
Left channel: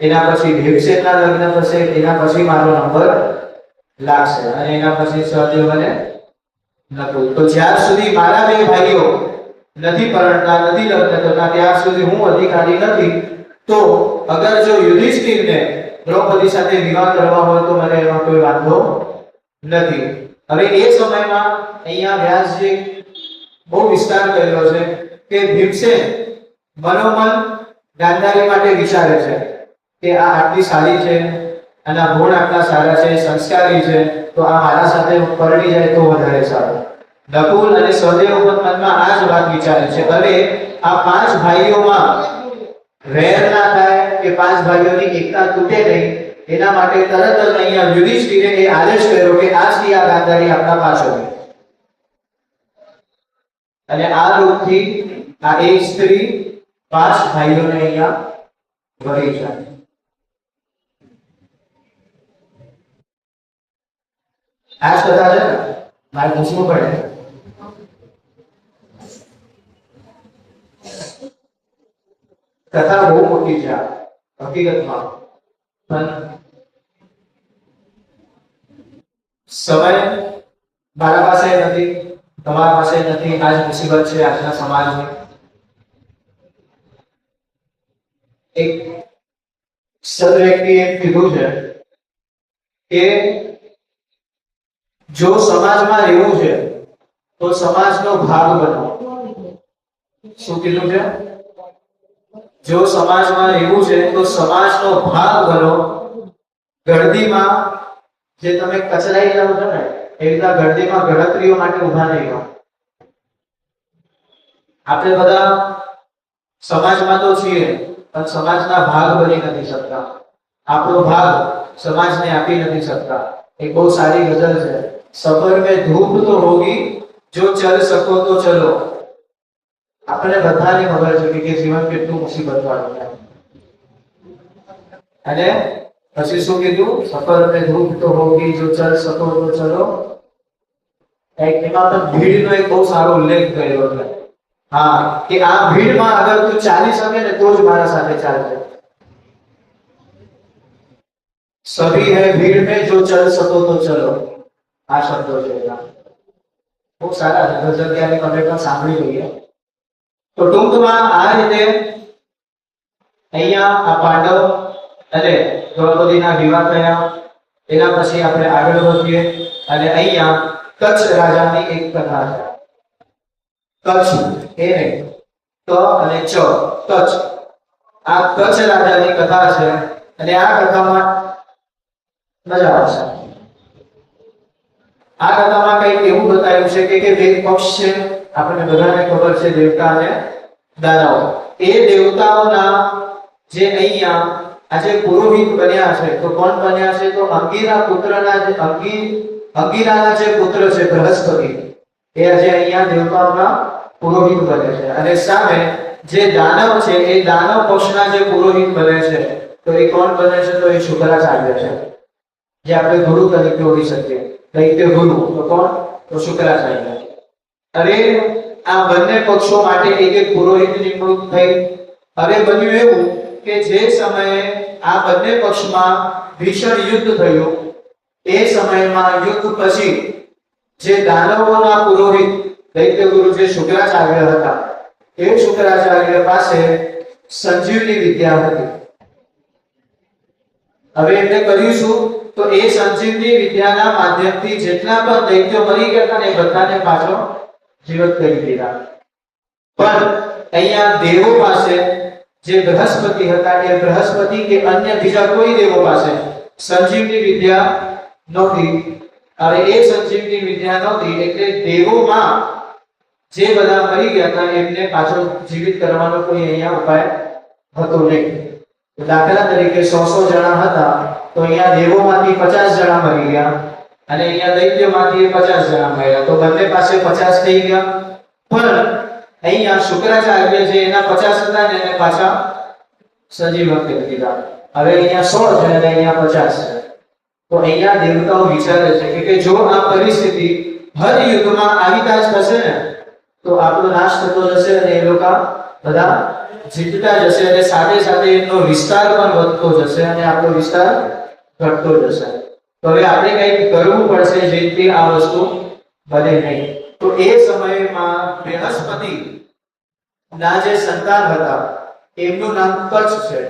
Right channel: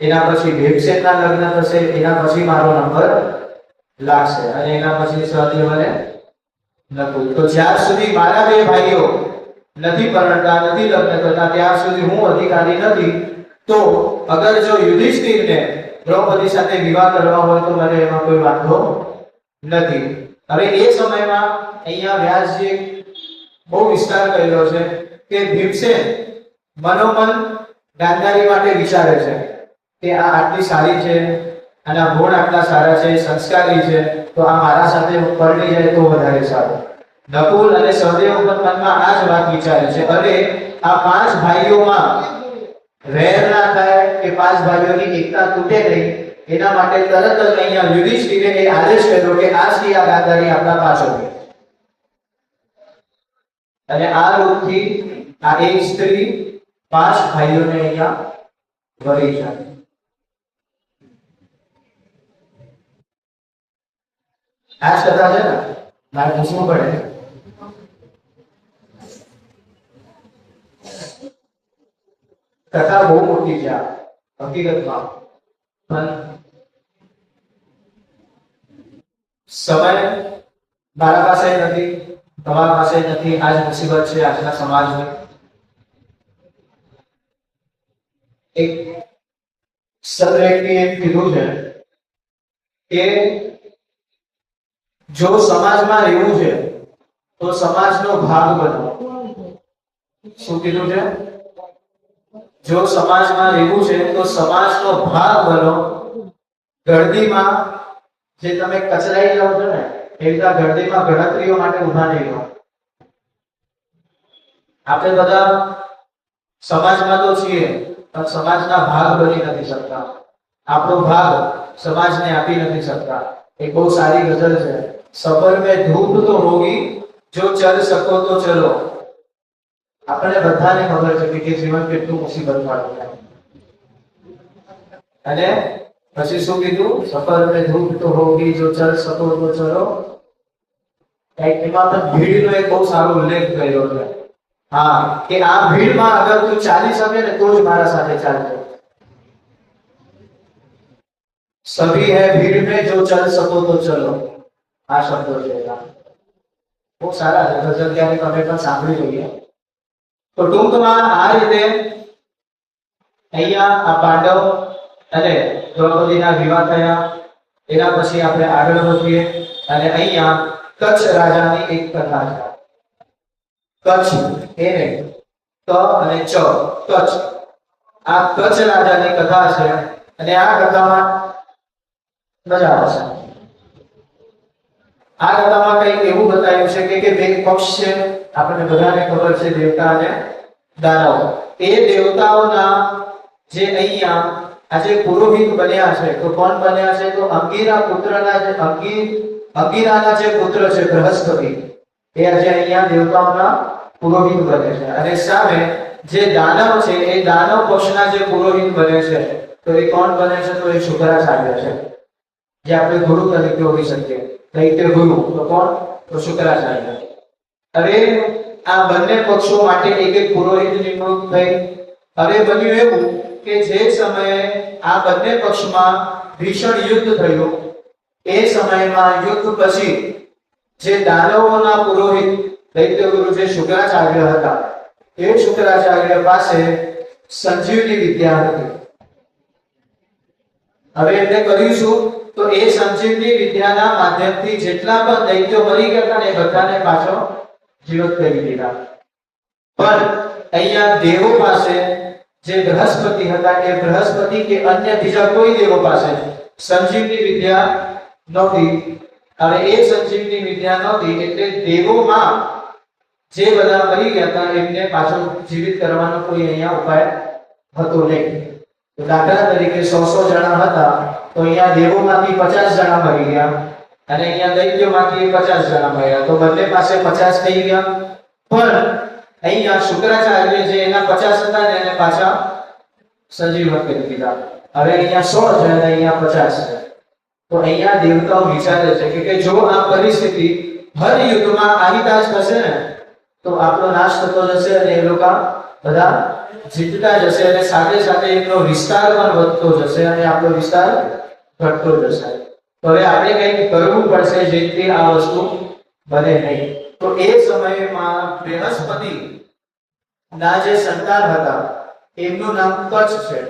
એના પછી ભીમસેનના લગ્ન થશે, એના પછી મારો નંબર લાગશે અને એના પછી સહદેવ અને નકુલ. તો જ્યાં સુધી મારા બે ભાઈઓ નથી પરણતા, નથી લગ્ન થતા, ત્યાં સુધી હું અધિકારી નથી. તો અગર જો યુધિષ્ઠિરને દ્રૌપદી સાથે વિવાહ કરવા હોય તો મને એમાં કોઈ વાંધો નથી. હવે એ સમયમાં અહીંયા વ્યાસજી બહુ વિસ્તાર કરેલો છે કે ભીમસેન મનોમન ગાંધારી માટે વિચારે છે કે આ આટલી સારી છે, આના ગુણ આટલા સારા છે, સંસ્કારી છે, તો આ મારા સાથે પરણી જાય તો વધારે સારું. નકુલ અને સહદેવ મનમાં આ જ વાત વિચારે છે. હવે આ 5 ભાઈઓમાં વેર ના થાય કે 5 ભાઈઓની એકતા તૂટે નહીં, એના માટે તરત જ અહીંયા યુધિષ્ઠિરે એ આદેશ કર્યો કે આજથી આ ગાંધારી આપણા પાછળ. અને આ રૂપથી આ એક સ્ત્રી 5 ભાઈઓને અહીંયા વળી છે. આ જ કથા છે ને, મારે પૂછવું પડે. કથા બહુ મોટી છે હકીકતમાં, પણ સમય મારા પાસે નથી, તમારા પાસે નથી. આજ મુસીબત છે આજના સમાજની. એક સદ વ્યક્તિએ કીધું છે કે જો સમાજમાં રહેવું છે તો સમાજનો ભાગ બનો. શું કીધું છે? જો સમાજમાં રહેવું છે તો સમાજનો ભાગ બનો. ગળદીમાં જે તમે કચરાઈ જાવ છો ને, એ રીતના ગળદીમાં ગણતરીઓ માટે ઉભા નહીં રહો. આપણે બધા સમાજમાં તો છીએ પણ સમાજના ભાગ બની નથી શકતા. આપણો ભાગ સમાજને આપી નથી શકતા. એક બહુ સારી ગઝલ છે, સફર में धूप तो होगी जो चल सको तो चलो. આપણે બધાને ખબર છે કે જીવન કેટલું મુસીબત વાળું છે. અને પછી શું કીધું? સફર में धूप तो होगी जो चल सको तो चलो. એમાં પણ ભીડનો એક બહુ સારો ઉલ્લેખ કર્યો છે. હા, કે આ ભીડમાં અગર તું ચાલી શકે ને તો જ મારા સાથે ચાલજે. સભી હૈ ભીડ में जो चल सको तो चलो. આ શબ્દો છે બહુ સારા છે. ગઝલ ક્યારેક તમે પણ સાંભળી જોઈએ. તો ટૂંકમાં આ રીતે અહીંયા આ પાંડવ અને દ્રૌપદીના વિવાહ થયા. એના પછી આપણે આગળ વધીએ અને અહીંયા કચ્છ રાજાની એક કથા છે. કચ્છ એને ક અને ચ, કચ્છ. આ કચ્છ રાજાની કથા છે અને આ કથામાં મજા આવશે. આ કથામાં કંઈક એવું બતાવ્યું છે કે બે પક્ષ છે. આપણને બધાને ખબર છે દેવતા અને દાનવ. એ દેવતાઓના જે અહીંયા આજે પુરોહિત બન્યા છે, તો કોણ બન્યા છે? તો અંગીરા પુત્રના જે અંગીરાના જે પુત્ર છે બૃહસ્પતિ, એ આજે અહીંયા દેવતાઓના પુરોહિત બને છે. અને સામે જે દાનવ છે એ દાનવ પક્ષના જે પુરોહિત બને છે, તો એ કોણ બને છે? તો એ શુક્રાચાર્ય છે, જે આપણે ગુરુ તરીકે ઓળખી શકીએ. દૈત્ય ગુરુ તો કોણ? તો શુક્રાચાર્ય. હવે આ બંને પક્ષો માટે એક એક પુરોહિત નિમણૂક થઈ. હવે બન્યું એવું કે જે સમયે આ બંને પક્ષમાં ભીષણ યુદ્ધ થયું, એ સમયમાં યુદ્ધ પછી જે દાનવોના પુરોહિત દૈત્ય ગુરુ જે શુક્રાચાર્ય હતા, એ શુક્રાચાર્ય પાસે સંજીવની વિદ્યા હતી. હવે એમને કર્યું શું? તો એ સંજીવની વિદ્યાના માધ્યમથી જેટલા પણ દૈત્યો મરી ગયા હતા ને બધાને પાછો જીવત કરી દીધા. પણ અહીંયા દેવો પાસે જે બૃહસ્પતિ હતા, એ બૃહસ્પતિ કે અન્ય બીજા કોઈ દેવો પાસે સંજીવની વિદ્યા નહોતી. હવે એ સંજીવની વિદ્યા નહોતી એટલે દેવોમાં જે બધા મરી ગયા હતા એમને પાછો જીવિત કરવાનો કોઈ અહીંયા ઉપાય હતો નહીં. દાખલા તરીકે 100 જણા હતા તો અહીંયા દેવોમાંથી 50 જણા મરી ગયા અને અહીંયા દૈત્યમાંથી 50 જણા મળ્યા, તો બંને પાસે 50 થઈ ગયા. પણ અહીંયા શુક્રાચાર્ય જે એના 50 હતા ને એને પાછા સજીવન કરી દીધા. હવે અહીંયા 100 છે અને અહીંયા 50 છે. તો અહીંયા દેવતાઓ વિચારે છે કે જો આ પરિસ્થિતિ હર યુગમાં આવી જ થશે ને તો આપણો નાશ થતો જશે અને એ લોકો બધા જીતતા જશે અને સાથે સાથે એનો વિસ્તાર પણ વધતો જશે અને આપણો વિસ્તાર ઘટતો જશે. તો હવે આપણે કંઈક કરવું પડશે જેથી આ વસ્તુ બને નહીં. તો એ સમયમાં બૃહસ્પતિ ના જે સંતાન હતા એમનું નામ કચ્છ છે.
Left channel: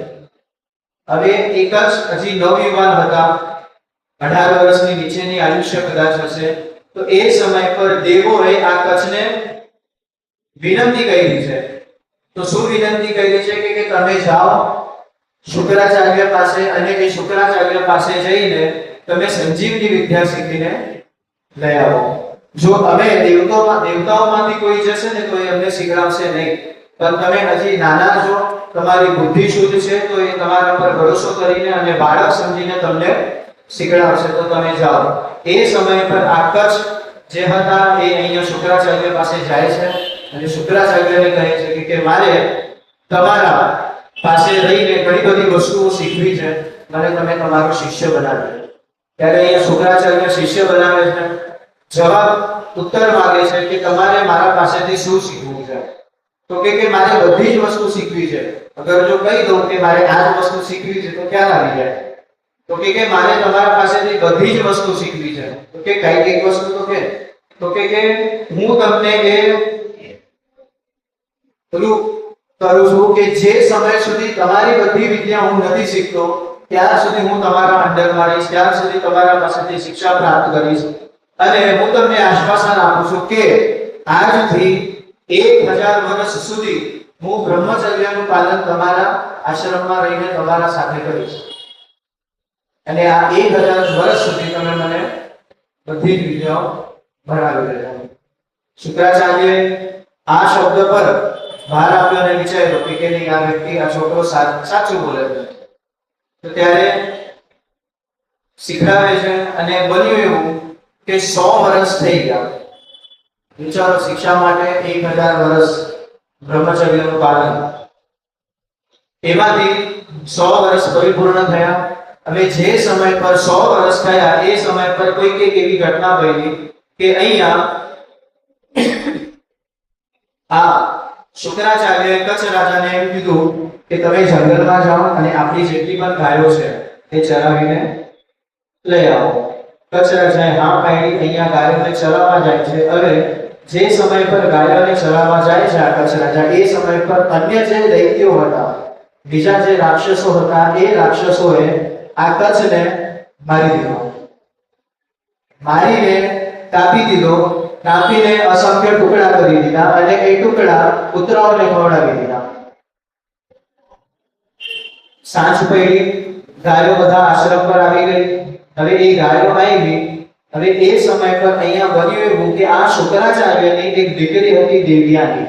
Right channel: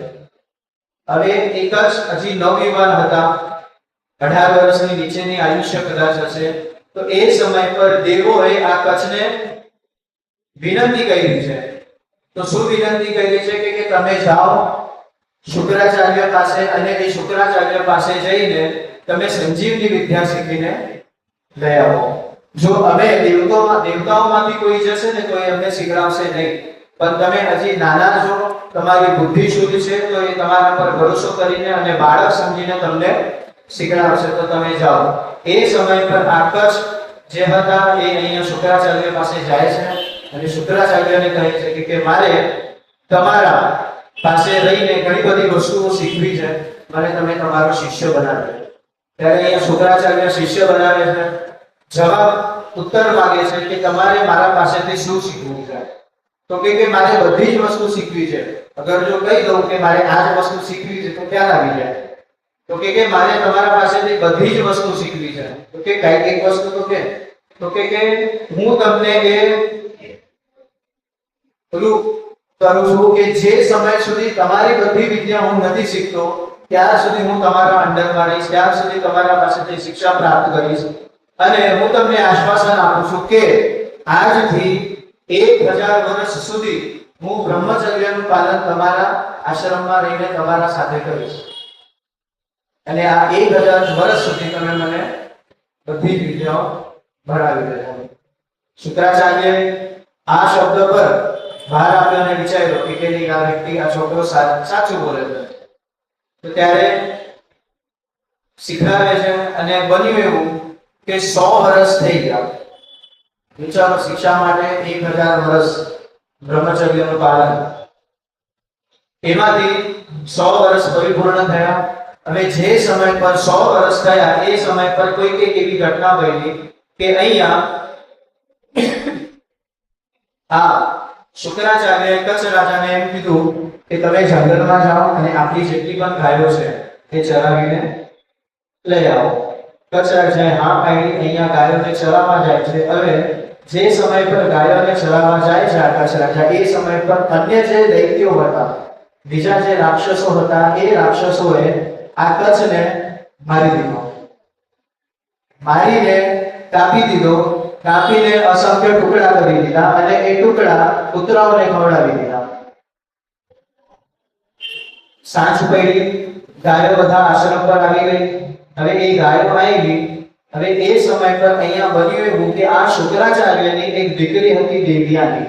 હવે એ કચ્છ હજી નવયુવાન હતા, 18 વર્ષની નીચેની આયુષ્ય કદાચ હશે. તો એ સમય પર દેવોએ આ કચ્છને વિનંતી કરી છે. તો શું વિનંતી કરી છે કે તમે જાઓ શુક્રાચાર્ય પાસે અને એ શુક્રાચાર્ય પાસે જઈને તમે સંજીવની વિદ્યા શીખીને લઈ આવો. જો અમે દેવતાઓમાંથી કોઈ જશે ને તો એ અમને શીખડાવશે નહીં, પણ તમે હજી નાના છો, તમારી બુદ્ધિ શુદ્ધ છે, તો એ તમારા પર ભરોસો કરીને અને બાળક સમજીને તમને શીખડાવશે. તો તમે જાઓ. એ સમય પર આ કચ્છ જે હતા એ અહીંયા શુક્રાચાર્ય પાસે જાય છે અને શુક્રાચાર્યને કહે છે કે મારે તમારા પાસે રહીને ઘણી બધી વસ્તુઓ શીખવી છે, મને તમે તમારો શિષ્ય બનાવો. ત્યારે અહીંયા શુક્રાચાર્ય શિષ્ય બનાવે છે. જવાબ ઉત્તર માંગે છે કે તમારે મારા પાસેથી શું શીખવું છે? તો કે મારે બધી જ વસ્તુ શીખવી છે. અગર જો કહી દઉં કે મારે આ જ વસ્તુ શીખવી છે તો ક્યાં આવી જાય? તો કે મારે તમારા પાસેથી બધી જ વસ્તુ શીખવી છે. તો કે કઈ એક વસ્તુ તો કે હું તમને એ પેલું કરું છું કે જે સમય સુધી તમારી બધી વિદ્યા હું નથી શીખતો ત્યાં સુધી હું તમારા અંડરમાં રહીશ, ત્યાં સુધી તમારા પાસેથી શિક્ષા પ્રાપ્ત કરીશ. અને હું તમને આશ્વાસન આપું છું કે આજથી 1000 વર્ષ સુધી હું બ્રહ્મચર્યનું પાલન તમારા આશ્રમમાં રહીને તમારા સાથે કરીશ. અને આ 1000 વર્ષ સુધી તમે મને બધી જ વિદ્યાઓ ભણાવી દેજો. શુક્રાચાર્ય આ શબ્દ પર ભાર આપ્યો અને વિચાર્યો કે નહીં, આ વ્યક્તિ, આ છોકરો સાચું બોલે છે. તો ત્યારે શીખડાવે છે અને બન્યું એવું કે 100 વર્ષ થઈ ગયા. વિચારો, શિક્ષા માટે 1000 વર્ષ બ્રહ્મચર્યનું પાલન. એમાંથી 100 વર્ષ પરિપૂર્ણ થયા. હવે જે સમય પર 100 વર્ષ થયા એ સમય પર કોઈ એવી ઘટના બની કે અહીંયા આ શુક્રાચાર્યએ કચ્છ રાજાને એમ કીધું કે તમે જંગલમાં જાઓ અને આપણી જેટલી પણ ગાયો છે તે ચરાવીને લઈ આવો. કચ્છ રાજાએ હા પાડી. અહીંયા ગાયોને ચરાવવા જાય છે. હવે જે સમય પર ગાયોને ચરાવવા જાય છે આ કચ્છ રાજા, એ સમય પર અન્ય જે દૈત્યો હતા, બીજા જે રાક્ષસો હતા, એ રાક્ષસોએ આ કચ્છને મારી દીધો. મારીને કાપી દીધો. કાપીને અસંખ્ય ટુકડા કરી દીધા અને એ ટુકડા કૂતરાઓને ખવડાવી દીધા. સાંજ પડી, ગાયો બધા આશ્રમ પર આવી ગઈ. હવે એ ગાયો આવી. હવે એ સમય પર અહીંયા બન્યું એવું કે આ શુક્રાચાર્યની એક દીકરી હતી દેવયાની.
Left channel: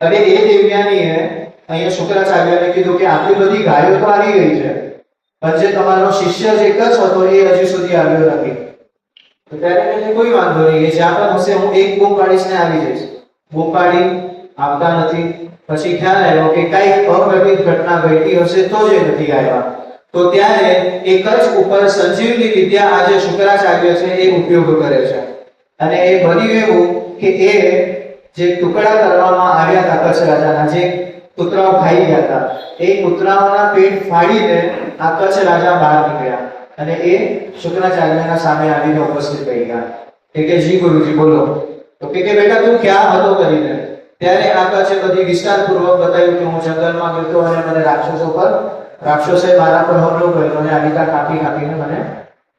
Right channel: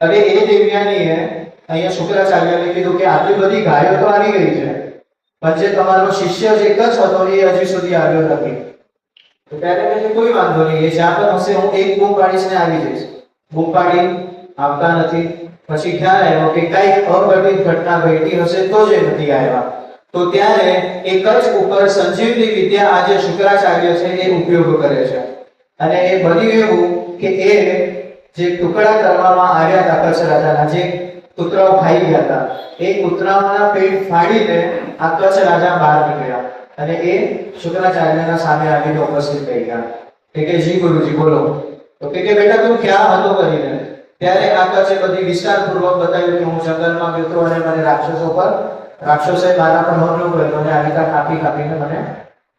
હવે એ દેવયાનીએ અહીંયા શુક્રાચાર્યને કીધું કે આટલી બધી ગાયો તો આવી ગઈ છે, પણ જે તમારો શિષ્ય જે એક જ હતો એ હજી સુધી આવ્યો નથી. તો ત્યારે મને કોઈ વાંધો નહીં, એ જ્યાં પણ હશે હું એક બૂમ પાડીને આવી જઈશ. બૂમ પાડી આવતા નથી. પછી ખ્યાલ આવ્યો કે કઈક અઘટિત ઘટના ઘટી હશે તો જ નથી આવ્યા. તો ત્યારે એ કચ્છ ઉપર સંજીવની વિદ્યા આજે શુક્રાચાર્ય છે એ ઉપયોગ કરે છે. અને એ બન્યું એવું કે એ જે ટુકડા કરવામાં આવ્યા હતા કચ્છ રાજાના, જે કૂતરાઓ ખાઈ ગયા હતા, એ કૂતરાઓના પેટ ફાડીને આ કચ્છ રાજા બહાર નીકળ્યા અને એ શુક્રાચાર્યના સામે આવીને ઉપસ્થિત થઈ ગયા. કે જી ગુરુજી બોલો. તો કે બેટા તું ક્યાં હતો કરીને? ત્યારે આ કચ્છે બધી વિસ્તારપૂર્વક બતાવ્યું કે હું જંગલમાં ગયો હતો અને મને રાક્ષસોએ મારા પર હુમલો કર્યો અને આલિકા કાપીને મને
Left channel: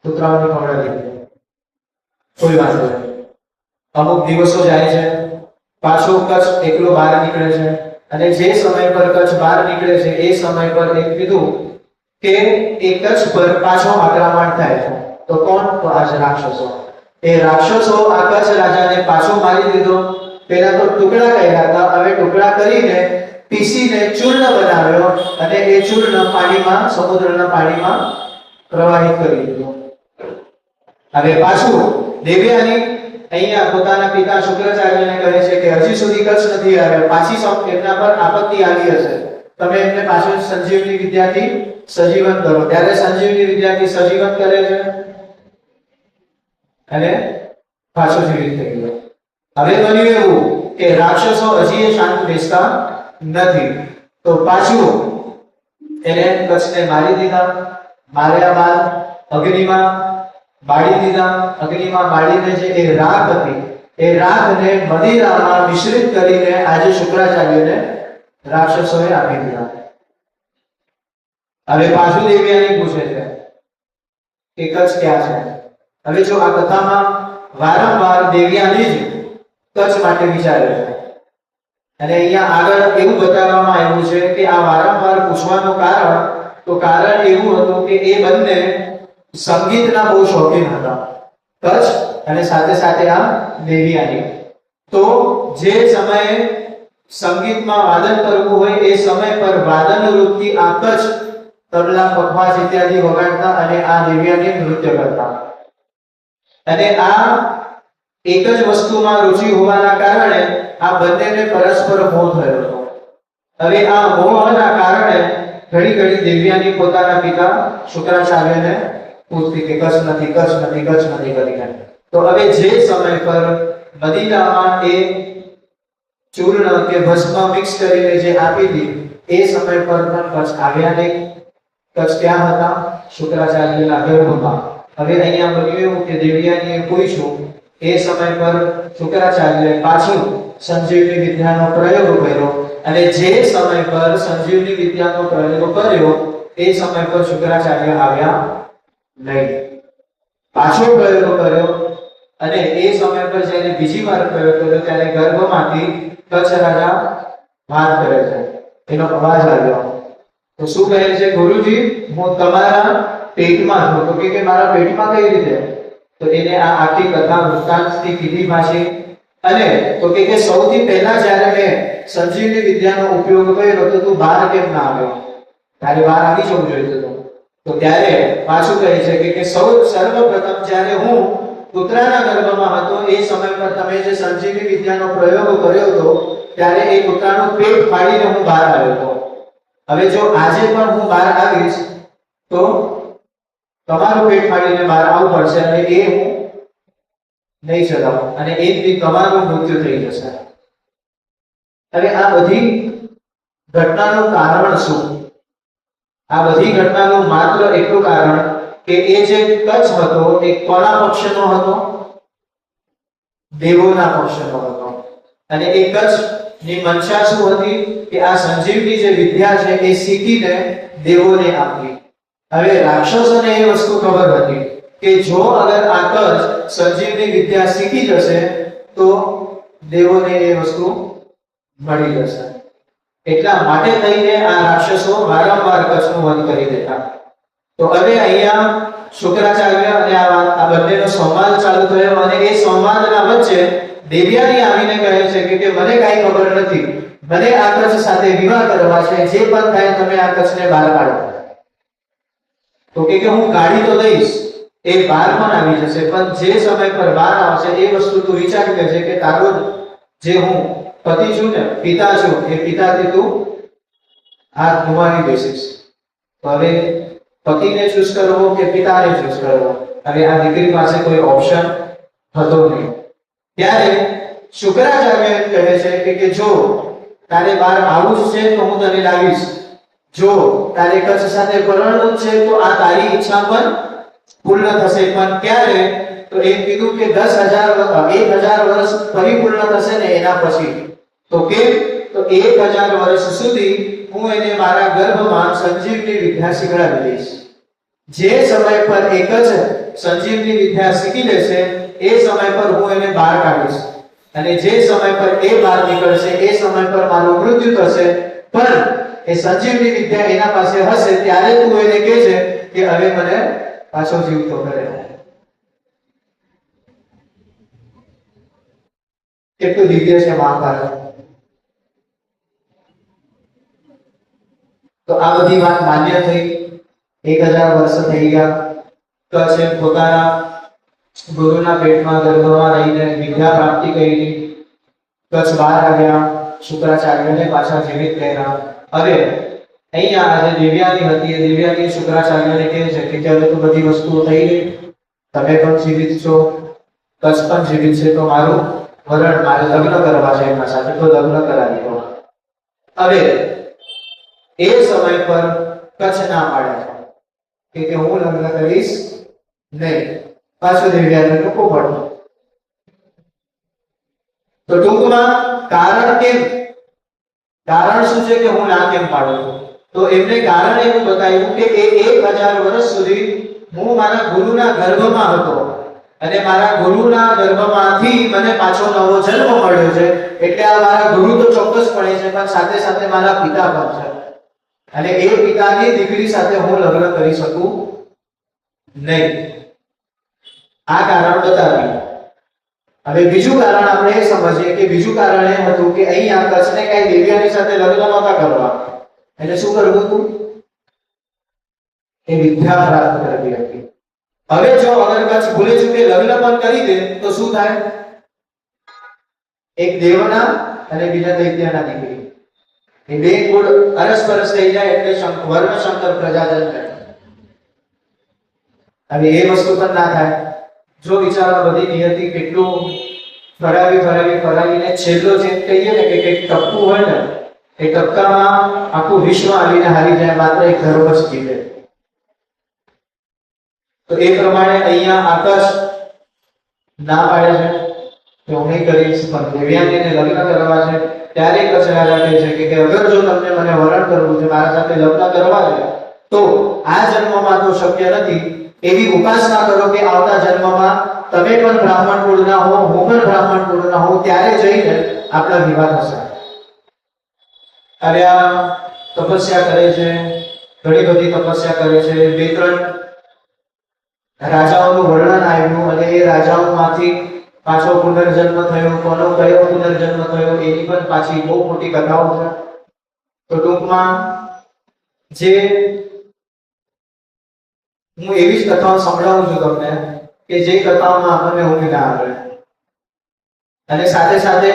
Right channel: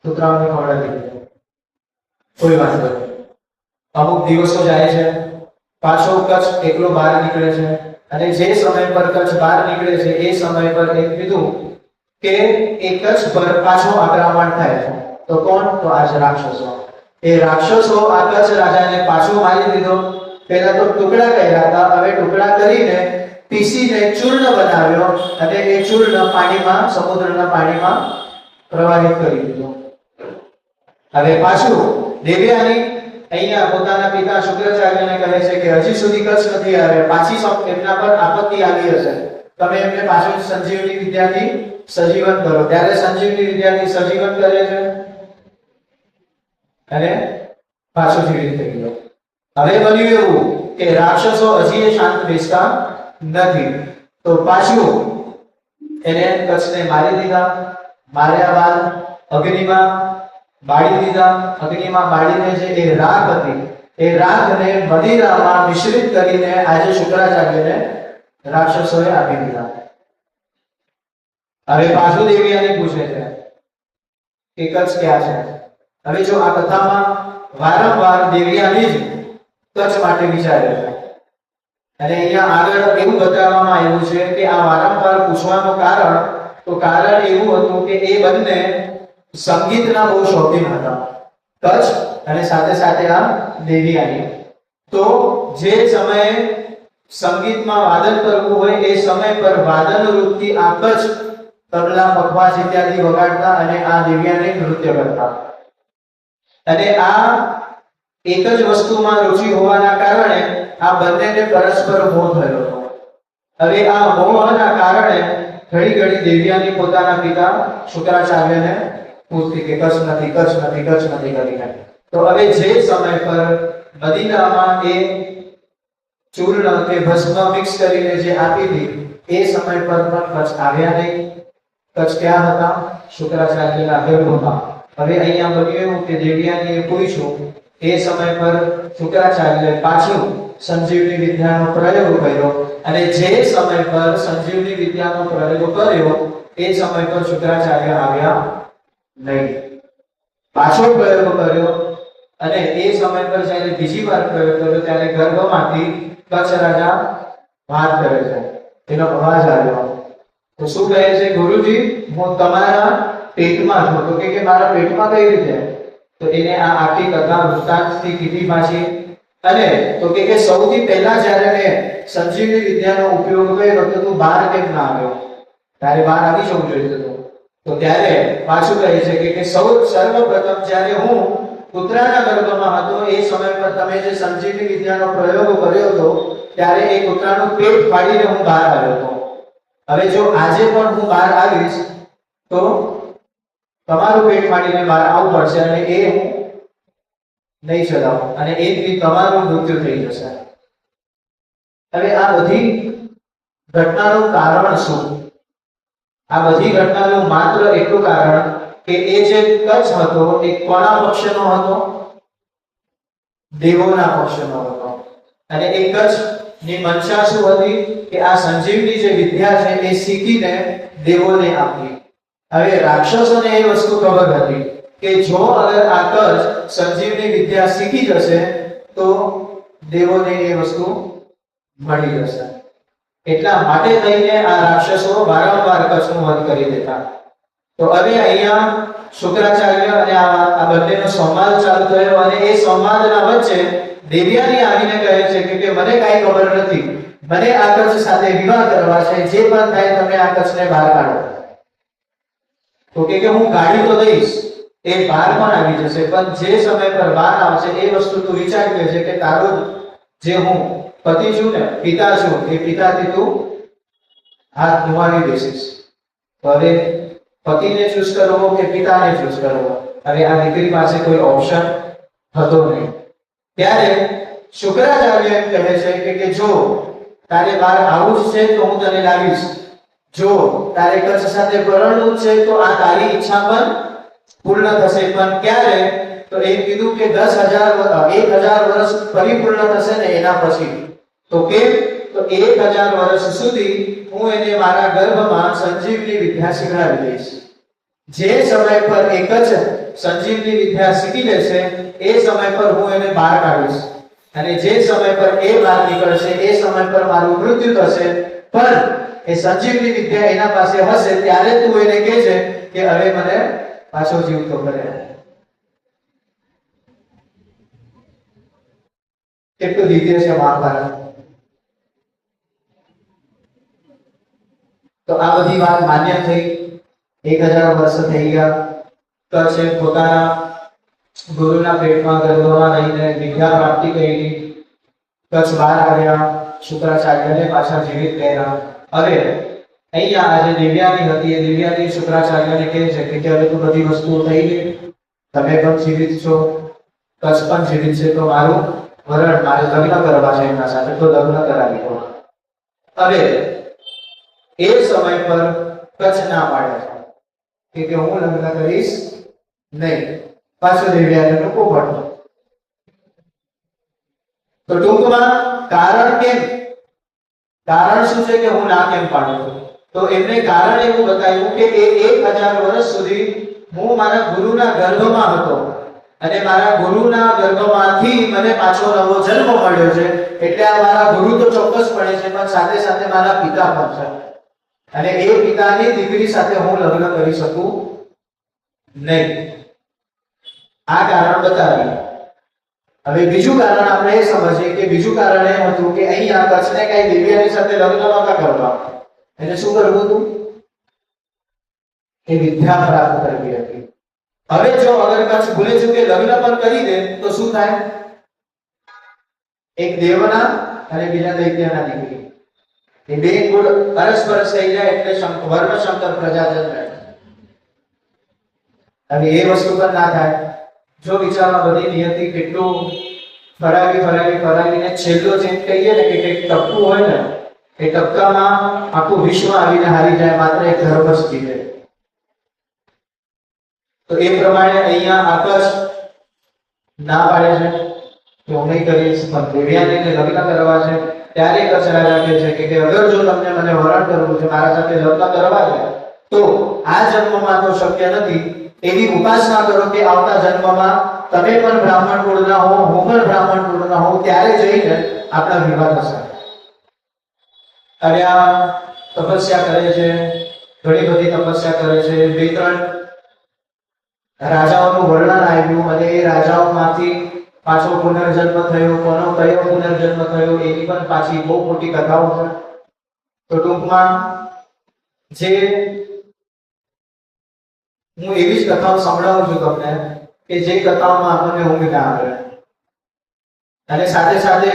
કૂતરાઓને ખવડાવી દીધો. કોઈ વાંધો નહીં. અમુક દિવસો જાય છે, પાછો કચ્છ એકલો બહાર નીકળે છે અને જે સમય પર કચ્છ બહાર નીકળે છે એ સમય પર એ કીધું કે એ કચ્છ પર પાછો આક્રમણ થાય છે. તો કોણ? તો આ રાક્ષસો. એ રાક્ષસો આ કચ્છ રાજાને પાછો મારી દીધો. પહેલા તો ટુકડા કર્યા હતા, હવે ટુકડા કરીને પીસીને ચૂર્ણ બનાવ્યો અને એ ચૂર્ણ પાણીમાં, સમુદ્રના પાણીમાં પ્રવાહિત કરી દીધું. હવે પાછું દેવયાની અહીંયા પોતાના પિતા શુક્રાચાર્યને કહે છે કે હજી સુધી કચ્છ નથી આવ્યા, પાછી એમના પર આપત્તિ આવી હશે, તમે એમને પાછું સંજીવની વિદ્યાથી સજીવન કરો. ત્યારે સંજીવની વિદ્યાથી સજીવન કરે છે અને પાછો જીવિત થઈ ગયો. હવે બન્યું એવું કે રાક્ષસો હજી એ શાંત બેસતા નથી, તો પાછું એને કચ્છને મારી દીધા. માર્યા બાદ અગ્નિમાં બાળી દીધા. અગ્નિમાં બાળીને જે એ રાખ હતી એ રાખને મદિરામાં મિશ્રિત કરીને આજે શુક્રાચાર્યને રાક્ષસોએ આપી દીધા. હવે પાછું દેવયાની પૂછે છે કે કચ્છ ક્યાં છે? હવે જો આ કથામાં વારંવાર દેવયાની જ કચ્છ માટે વિચારે છે અને અહીંયા આગળ એવું બતાવવામાં આવ્યું છે કે આ વારંવાર પૂછવાનું કારણ એવું હતું કે એ બંને સંગીતના બહુ શોખીન હતા, કચ્છ અને સાથે સાથે આ દેવયાની. તો જે સમયે સંગીતમાં વાદન કરવું હોય એ સમય પર વાદન રૂપથી આ કચ્છ તબલા, પખવાજ ઇત્યાદિ વગાડતા અને આ દેવયાની નૃત્ય કરતા. અને આ એક જ વસ્તુમાં રુચિ હોવાના કારણે આ બંનેને પરસ્પર મોહ થયો હતો. હવે આ મોહના કારણે ઘડી ઘડી દેવયાની પોતાના પિતા શુક્રાચાર્યને પૂછતી કે કચ્છ નથી કરીને. તો હવે જે સમય પર મદિનામાં એ ચૂર્ણ કે ભસ્મ મિક્સ કરીને જે આપી હતી એ સમય પર પણ કચ્છ આવ્યા નહીં. કચ્છ ક્યાં હતા? શુક્રાચાર્યના ગર્ભમાં. હવે અહીંયા બન્યું એવું કે દેવયાનીએ પૂછ્યું, એ સમય પર શુક્રાચાર્યએ પાછું સંજીવની વિદ્યાનો પ્રયોગ કર્યો અને જે સમય પર સંજીવની વિદ્યાનો પ્રયોગ કર્યો એ સમય પર શુક્રાચાર્ય આવ્યા નહીં. પાછો પ્રયોગ કર્યો અને એ સમય પર જ્યારે બીજી વાર પ્રયોગ કર્યો ત્યારે ગર્ભમાંથી કચ્છ રાજા વાત કરે છે, એનો અવાજ આવ્યો. તો શું કહે છે? ગુરુજી, હું તમારા પેટમાં છું. તો કે મારા પેટમાં કઈ રીતે? તો એને આ આખી કથા વૃત્તાંતથી કીધી પાછી. અને તો કે સૌથી પહેલા જ્યારે મેં સંજીવની વિદ્યાનો ઉપયોગ કર્યો તો તું બહાર કેમ ના આવ્યો? તારે બહાર આવી જવું જોઈએ હતું. તો ત્યારે પાછું કહે છે કે સર્વપ્રથમ જ્યારે હું પુત્રના ગર્ભમાં હતો એ સમય પર તમે જે સંજીવની વિદ્યાનો પ્રયોગ કર્યો હતો ત્યારે એ પુત્રનું પેટ ફાડીને હું બહાર આવ્યો હતો. હવે જો આજે પણ હું બહાર આવીશ તો તમારું પેટ ફાડીને બહાર આવવું પડશે અને એ હું નહીં ચલાવું અને એક દી તમારું મૃત્યુ થઈ જશે. હવે આ બધી ઘટનાનું કારણ શું? આ બધી ઘટનાનું માત્ર એટલું કારણ કે એ જે કચ્છ હતો એ કોના પક્ષનો હતો? દેવોના પક્ષનો હતો. અને એ કચ્છની મનસા શું હતી કે આ સંજીવની જે વિદ્યા છે એ શીખીને દેવોને આપી. હવે રાક્ષસોને એ વસ્તુ ખબર હતી કે જો અગર આ કચ્છ સંજીવની વિદ્યા શીખી જશે તો દેવોને એ વસ્તુ મળી જશે. એટલા માટે થઈને આ રાક્ષસો વારંવાર કચ્છનું વધ કરી દેતા. તો હવે અહીંયા શુક્રાચાર્ય અને આ બંનેનો સંવાદ ચાલુ થયો અને એ સંવાદના વચ્ચે દેવયાની આવીને કહે છે કે મને કાંઈ ખબર નથી, મને આ કચ્છ સાથે વિવાહ કરવા છે, જે પણ થાય તમે આ કચ્છને બહાર કાઢો. તો કે હું ગાડી તો દઈશ, એ બહાર પણ આવી જશે, પણ જે સમય પર બહાર આવશે એ વસ્તુ તું વિચારી લેજે કે તારો જે હું પતિ છું ને, પિતા છું, એ પિતાથી તું હાથ ગુમાવી બેસીશ. તો હવે પતિને ચૂઝ કરવો કે પિતાને ચૂઝ કરવો? હવે આ દીકરી પાસે કોઈ ઓપ્શન હતો નહીં. ત્યારે શુક્રાચાર્ય એમ કહે છે કે જો તારે બહાર આવવું જ છે તો હું તને લાવીશ, જો તારે કચ્છ સાથે પરણવું છે તો આ તારી ઈચ્છા પણ પૂર્ણ થશે. પણ ક્યારે? તો એ કીધું કે 10,000 વર્ષ પરિપૂર્ણ થશે ને એના પછી. તો કે તો 1000 વર્ષ સુધી હું એને મારા ગર્ભમાં સંજીવની વિદ્યા શીખડાવી દઈશ. જે સમય પર એક જ સંજીવની વિદ્યા શીખી લેશે એ સમય પર હું એને બહાર કાઢીશ અને જે સમય પર એ બહાર નીકળશે એ સમય પર મારું મૃત્યુ થશે. પણ એ સંજીવની વિદ્યા એના પાસે હશે ત્યારે તું એને કહેજે કે હવે મને પાછો જીવતો કરે. કેટલું દિવ્ય છે મહાભારત. તો આ બધી વાત માન્ય થઈ. 1000 વર્ષ થઈ ગયા. કચ્છ પોતાના ગુરુના પેટમાં ગર્ભમાં રહીને વિદ્યા પ્રાપ્તિ કરી, કચ્છ બહાર આવ્યા, શુક્રાચાર્યને પાછા જીવિત કર્યા. હવે અહીંયા આજે દેવ્યાની હતી, એ દેવ્યાની શુક્રાચાર્યને કહે છે કે હવે તો બધી વસ્તુઓ થઈ ગઈ, તમે પણ જીવિત છો, કચ્છ પણ જીવિત છે, તો મારું વરણ મારે લગ્ન કરવા છે એમના સાથે, તો લગ્ન કરાવી દો. હવે એ સમય પર કચ્છ ના પાડે કે હું લગ્ન કરીશ નહીં. પાછો દેવ્યાને લોકો પડતો. તો ટૂંકમાં કારણ કેમ, કારણ શું છે કે હું ના કેમ પાડું છું? તો એમને કારણ એવું બતાવ્યું કે એ 1000 વર્ષ સુધી હું મારા ગુરુના ગર્ભમાં હતો અને મારા ગુરુના ગર્ભમાંથી મને પાછો નવો જન્મ મળ્યો છે, એટલે આ મારા ગુરુ તો ચોક્કસપણે છે, પણ સાથે સાથે મારા પિતા પણ છે, અને એ પિતાની દીકરી સાથે હું લગ્ન કરી શકું નહીં. આ કારણ બતાવ્યું. હવે બીજું કારણ આપણે એ સમજીએ કે બીજું કારણ એ હતું કે અહીંયા કચ્છને કઈ દેવ્યાની સાથે લગ્ન નહોતા કરવા, એટલે શું કરવું હતું? એ વિદ્યા પ્રાપ્ત કરવી હતી. હવે જો અગર કચ્છ ભૂલે ચૂકે લગ્ન પણ કરી દે તો શું થાય? એક દેવના અને બીજા દૈત્યના દીકરી, એ બે કુળ અરસપરસ થઈ જાય એટલે વર્ણ શંકર પ્રજાજન થાય. હવે એ વસ્તુ પણ ના થાય. જો વિચારવા બધી નિયતિ કેટલું ફરાવીને છેલ્લો જે કહીએ ને કે એક ટપકું હોય ને, એ ટપકામાં આખું વિશ્વ આવીને હારી જાય, માત્ર એક ધર્મ જ જીતે. તો એ પ્રમાણે અહીંયા આકાશ ના પાડે છે કે હું નહીં કરીશ, પણ દેવ્યાનીને લગ્ન કરવા છે. ત્યારે કચ્છ રાજા કહે છે કે અગર જો તમને મને વરણ કરવું છે, મારા સાથે લગ્ન કરવા છે, તો આ જન્મમાં તો શક્ય નથી. એવી ઉપાસના કરો કે આવતા જન્મમાં તમે પણ બ્રાહ્મણ કુળના હો, હું પણ બ્રાહ્મણ કુળના હોઉં, ત્યારે જઈને આપણા વિવાહ થશે. હવે આ તપસ્યા કરે છે, ઘણી બધી તપસ્યા કરે છે. 2-3 રાજાઓનું વર્ણન આવ્યું અને એ રાજાઓમાંથી પાછો પુનર્જન્મ થયો, કોનો કયો પુનર્જન્મ થયો એની પણ પાછી બહુ મોટી કથાઓ છે. તો ટૂંકમાં જે હું એવી જ કથાઓ સંભળાવું છું તમને કે જે કથાઓમાં આપણને ઊંઘ ના આવે, અને સાથે સાથે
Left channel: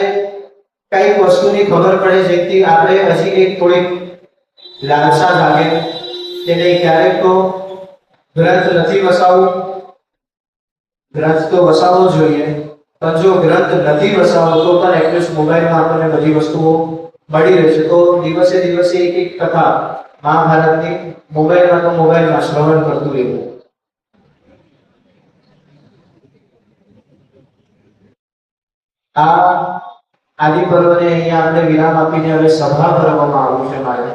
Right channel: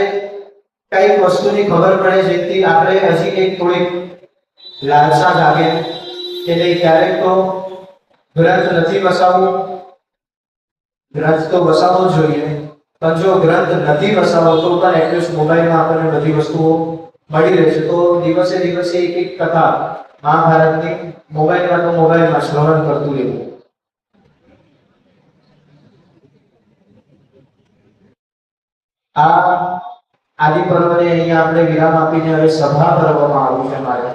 કઈક વસ્તુની ખબર પડે જેથી આપણે હજી એક થોડીક લાલસા જાગે કે નહીં, ક્યારેક તો ગ્રંથ નથી વસાવવું, ગ્રંથ તો વસાવવો જોઈએ, પણ જો ગ્રંથ નથી વસાવવો તો પણ એટલીસ્ટ મોબાઈલમાં આપણને બધી વસ્તુઓ મળી રહેશે. તો દિવસે દિવસે એક કથા મહાભારતની મોબાઈલમાં શ્રવણ કરતું રહેવું. આ આદિ પર્વને અહીંયા આપણે વિરામ આપીને હવે સભા પર્વમાં આવવું છે મારે.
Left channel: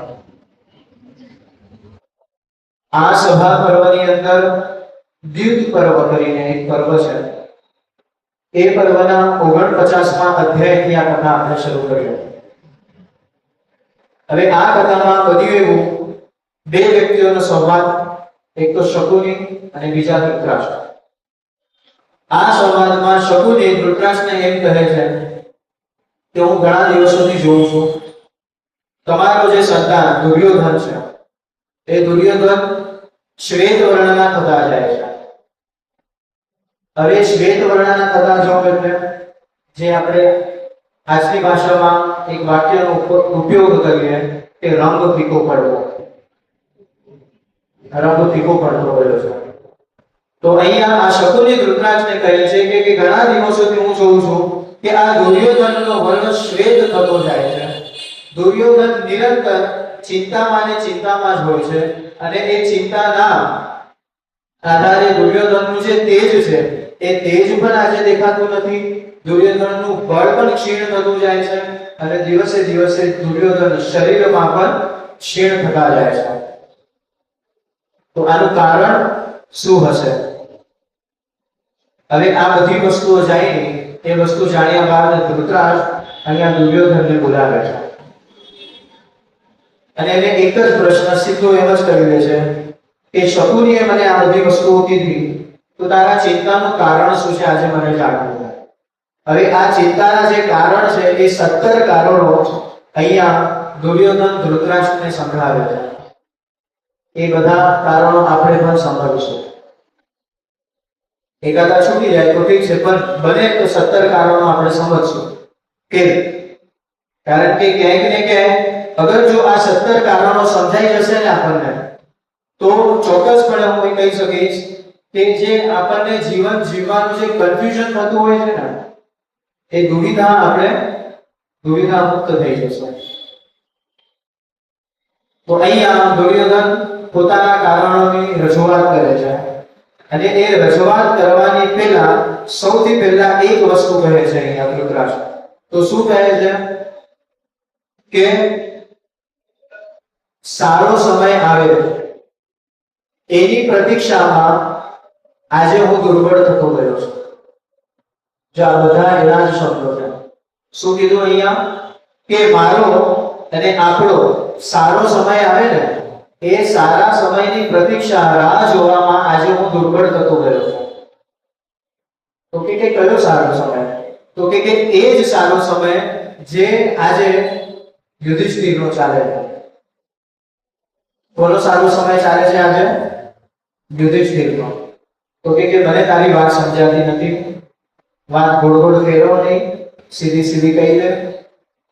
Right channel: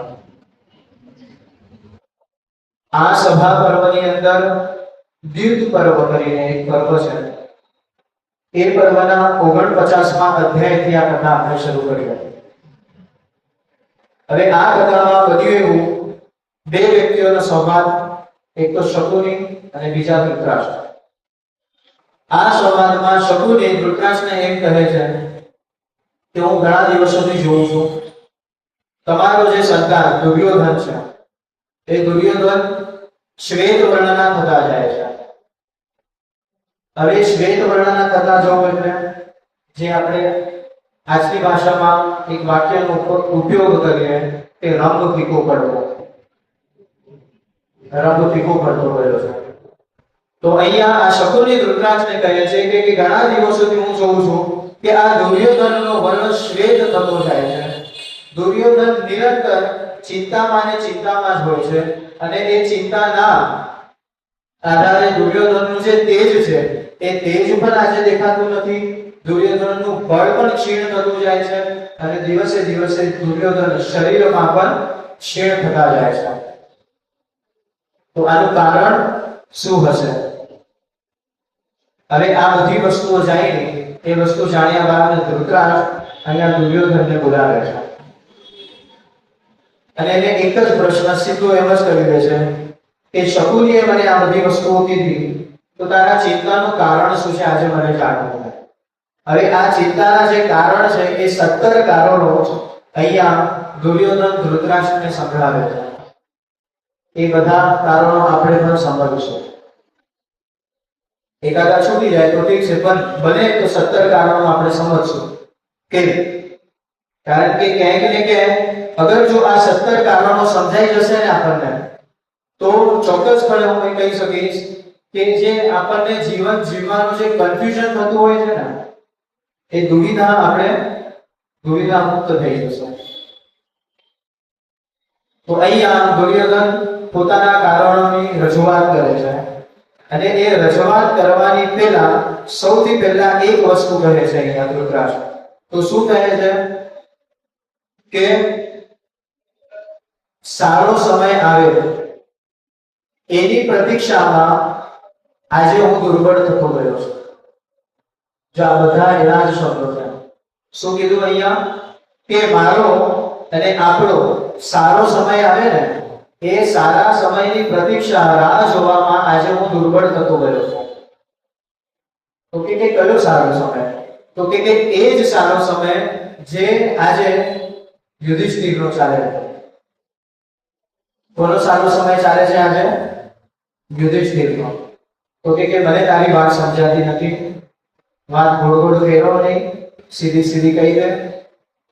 આ સભા પર્વની અંદર દ્યુત પર્વ કરીને એક પર્વ છે. એ પર્વના 49મા અધ્યાયથી આ કથા આપણે શરૂ કરીએ. હવે આ કથામાં બધું એવું 2 વ્યક્તિઓનો સંવાદ, એક તો શકુની અને બીજા ધૃતરાષ્ટ્ર. આ સંવાદમાં શકુની ધૃતરાષ્ટ્રને એમ કહે છે કે હું ઘણા દિવસોથી જોઉં છું તમારો જે સંતાન દુર્યોધન છે, એ દુર્યોધન શ્વેત વર્ણના થતા જાય છે. હવે શ્વેત વર્ણના થતા જવું એટલે જે આપણે આજની ભાષામાં એક વાક્યનો ઉપયોગ કરીએ કે રંગ ફીકો પડવો, રંગ ફીકો પડતો ગયો છે. તો અહીંયા આ શકુની ધૃતરાષ્ટ્રને કહે છે કે ઘણા દિવસોથી હું જોઉં છું કે આ દુર્યોધનનો વર્ણ શ્વેત થતો જાય છે. દુર્યોધન નિરંતર ચિંતામાં ને ચિંતામાં જ હોય છે, અને એ ચિંતાના આધારે દુર્યોધનનું જે તેજ છે એ તેજ પણ આજે દેખાતું નથી. દુર્યોધનનું બળ પણ ક્ષીણ થતું જાય છે, અને દિવસે દિવસે દુર્યોધન શરીરમાં પણ ક્ષીણ થતા જાય છે. તો આનું કારણ શું હશે? હવે આ બધી વસ્તુઓ જાય, એ વસ્તુ જાણ્યા બાદ ધૃતરાષ્ટ્ર અહીંયા દુર્યોધનને બોલાવે છે અને એને એક જ પ્રશ્ન સીધો એમ જ કરી દે છે કે શકુનીએ મને આ બધી વસ્તુઓ કીધી, તો તારા ચિંતાનું કારણ શું છે આજે મને જાણવું છે. હવે આ ચિંતાના જે કારણ છે એ 17 કારણો અહીંયા દુર્યોધન ધૃતરાષ્ટ્રને સંભળાવે છે. એ બધા કારણો આપણે પણ સમજીશું. એકાદા છૂટી જાય તો ઠીક છે, પણ બને તો 17 કારણો આપણે સમજશું કે કારણ કે ક્યાંક ને ક્યાંક અગર જો આ 17 કારણો સમજાઈ જશે ને આપણને તો ચોક્કસપણે હું કહી શકીશ કે જે આપણને જીવન જીવવાનું જે કન્ફ્યુઝન થતું હોય છે ને એ દુવિધા મુક્ત થઈ જશે. તો અહીંયા દુર્યોધન પોતાના કારણોની રજૂઆત કરે છે અને એ રજૂઆત કરવાની પહેલા સૌથી પહેલા એક વસ્તુ કહે છે અહીંયા ધૃતરાષ્ટ્ર. તો શું કહે છે કે સારો સમય આવે એની પ્રતીક્ષામાં આજે હું દુર્બળ થતો ગયો છું. જો આ બધા એના જ શબ્દો છે. શું કીધું અહીંયા કે મારો અને આપણો સારો સમય આવે ને એ સારા સમયની પ્રતીક્ષા રાહ જોવામાં આજે હું દુર્બળ થતો ગયો છું. તો કે કયો સારો સમય? તો કે એ જ સારો સમય જે આજે યુધિષ્ઠિરનો ચાલે છે. કોનો સારો સમય ચાલે છે આજે? યુધિષ્ઠિરનો. તો કે મને તારી વાત સમજાતી નથી, વાત ગોળ ગોળ ફેરવો નહીં, સીધી સીધી કહી દે.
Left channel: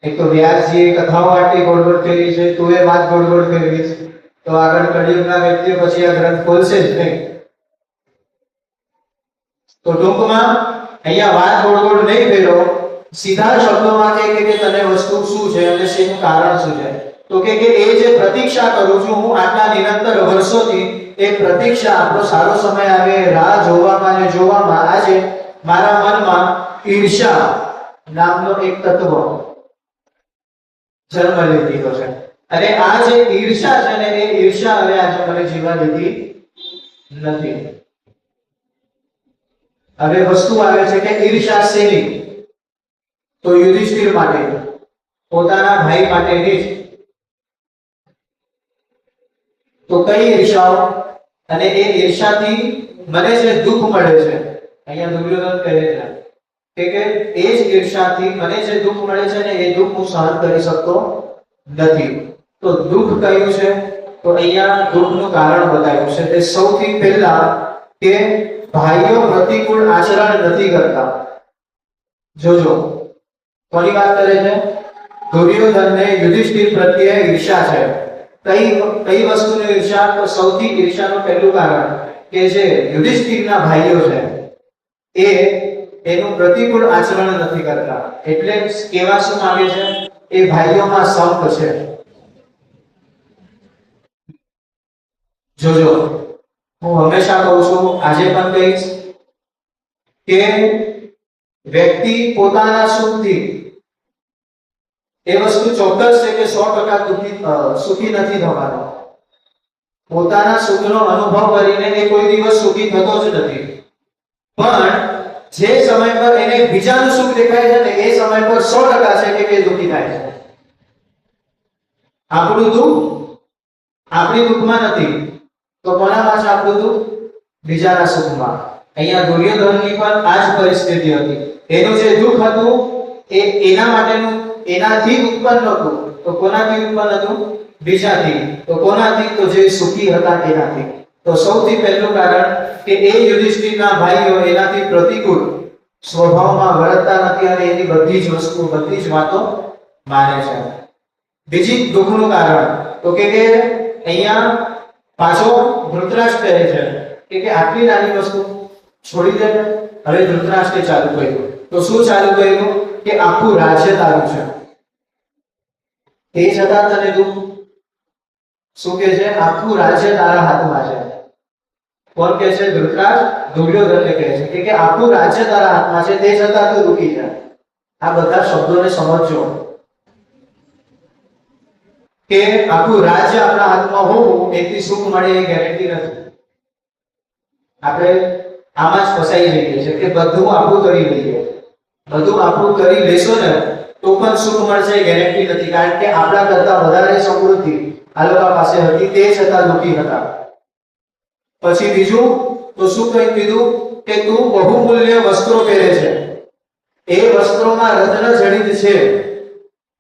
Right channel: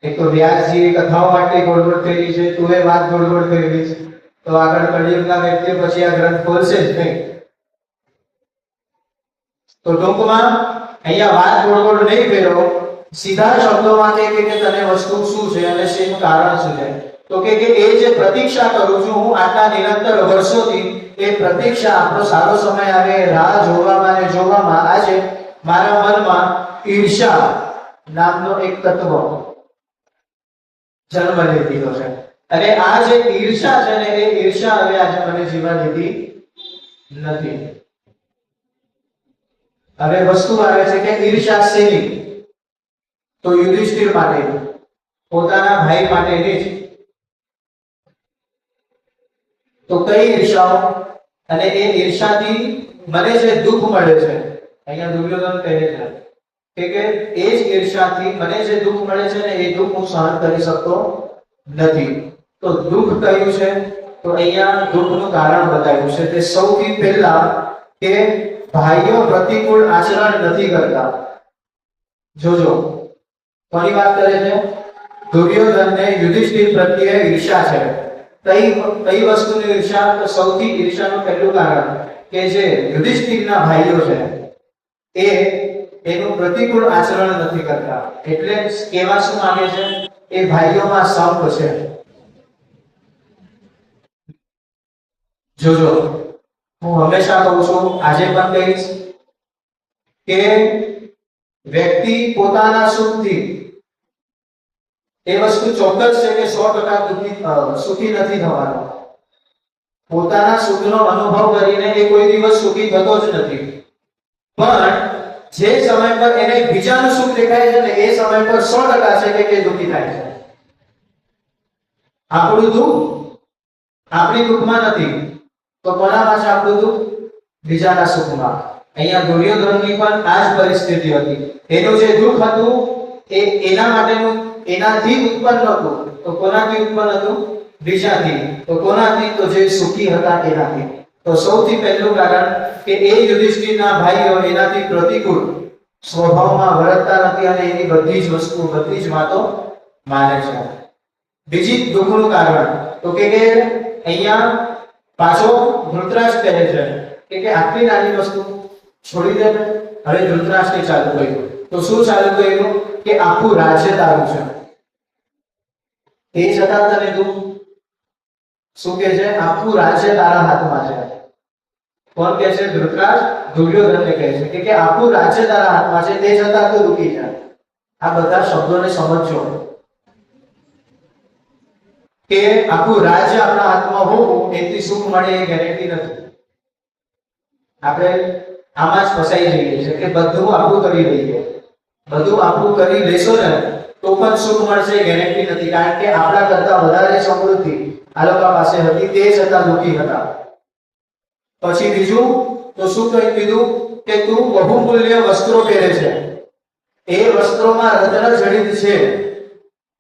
એક તો વ્યાસજીએ કથાઓ માટે ગોળ ગોળ ફેરવી છે, તું એ વાત ગોળ ગોળ ફેરવી છે, તો આગળ કળિયુગના વ્યક્તિઓ પછી આ ગ્રંથ ખોલશે જ નહીં. તો ટૂંકમાં અહીંયા વાત ગોળ ગોળ નહીં ફેરવો, સીધા શબ્દોમાં કે તને વસ્તુ શું છે અને શેનું કારણ શું છે. તો કે એ જે પ્રતીક્ષા કરું છું હું આટલા નિરંતર વર્ષોથી, એ પ્રતીક્ષા આપણો સારો સમય આવે રાહ જોવામાં અને જોવામાં આજે મારા મનમાં ઈર્ષ્યા નામનો એક તત્વ જન્મ લીધો છે. અને આ જે ઈર્ષ્યા છે ને એ ઈર્ષ્યા હવે આજે મને જીવા દીધી નથી. હવે વસ્તુ આવે છે કે ઈર્ષ્યા શેની? તો યુધિષ્ઠિર માટે, પોતાના ભાઈ માટેની જ. તો કઈ ઈર્ષાઓ? અને એ ઈર્ષાથી મને જે દુઃખ મળે છે, અહીંયા દુર્યોધન કહે છે કે એ જ ઈર્ષાથી મને જે દુઃખ મળે છે ને એ દુઃખ હું સહન કરી શકતો નથી. તો દુઃખ કયું છે? તો અહીંયા દુઃખનું કારણ બતાવ્યું છે. તે સૌથી પહેલા કે ભાઈઓ પ્રતિકૂળ આચરણ નથી કરતા. જોજો કોની વાત કરે છે? દુર્યોધનને યુધિષ્ઠિર પ્રત્યે ઈર્ષા છે. કઈ વસ્તુની ઈર્ષા? તો સૌથી ઈર્ષાનું પહેલું કારણ કે જે યુધિષ્ઠિરના ભાઈઓ છે એ એનું પ્રતિકૂળ આચરણ નથી કરતા. એટલે કેવા શું માંગે છે? એ ભાઈઓમાં સંપ છે. જોજો હું હંમેશા કહું છું, આજે પણ કહીશ કે વ્યક્તિ પોતાના સુખથી, એ વસ્તુ ચોક્કસ છે કે 100% સુખી નથી થવાનો. પોતાના સુખનો અનુભવ કરીને એ કોઈ દિવસ સુખી થતો જ નથી. પણ જે સમય પર એને બીજાનું સુખ દેખાય છે ને એ સમય પર 100% છે કે દુઃખી થાય છે. આપણું દુઃખ આપણી દુઃખમાં નથી તો કોનામાં છે આપણું દુઃખ? બીજાના સુખમાં. અહીંયા દુર્યોધનની પણ આ જ પરિસ્થિતિ હતી. એનું જે દુઃખ હતું એ એના માટેનું એનાથી ઉત્પન્ન હતું. તો કોનાથી ઉત્પન્ન હતું? બીજાથી. તો કોનાથી? તો જે સુખી હતા એનાથી. તો સૌથી પહેલું કારણ કે એ યુધિષ્ઠિરના ભાઈઓ એનાથી પ્રતિકૂળ સ્વભાવમાં વર્તતા નથી અને એની બધી જ વસ્તુ, બધી જ વાતો માને છે. બીજી દુઃખનું કારણ તો કે અહીંયા પાછો ધૃતરાષ્ટ્ર કહે છે કે આટલી નાની વસ્તુ છોડી દે. હવે ધૃતરાષ્ટ્રે ચાલુ કર્યું. તો શું ચાલુ કર્યું? કે આખું રાજ્ય તારું છે, તે છતાં તને દુઃખ. શું કે છે? આખું રાજ્ય તારા હાથમાં છે. કોણ કહે છે? ધૃતરાષ્ટ્ર દુર્યોધનને કહે છે કે આખું રાજ્ય તારા હાથમાં છે, તે છતાં તું દુઃખી છે. આ બધા શબ્દોને સમજો કે આખું રાજ્ય આપણા હાથમાં હોવું એથી સુખ મળે એ ગેરંટી નથી. આપણે આમાં જ ફસાઈ જઈએ છે કે બધું આપણું કરી લઈએ, બધું આપણું કરી લેશો ને તો પણ સુખ મળશે ગેરંટી નથી. કારણ કે આપણા કરતા વધારે સમૃદ્ધિ આ લોકો પાસે હતી, તે છતાં દુઃખી હતા. પછી બીજું તો શું કહી દીધું? કે તું બહુમૂલ્ય વસ્ત્રો પહેરે છે, એ વસ્ત્રોમાં રત્ન જડિત છે,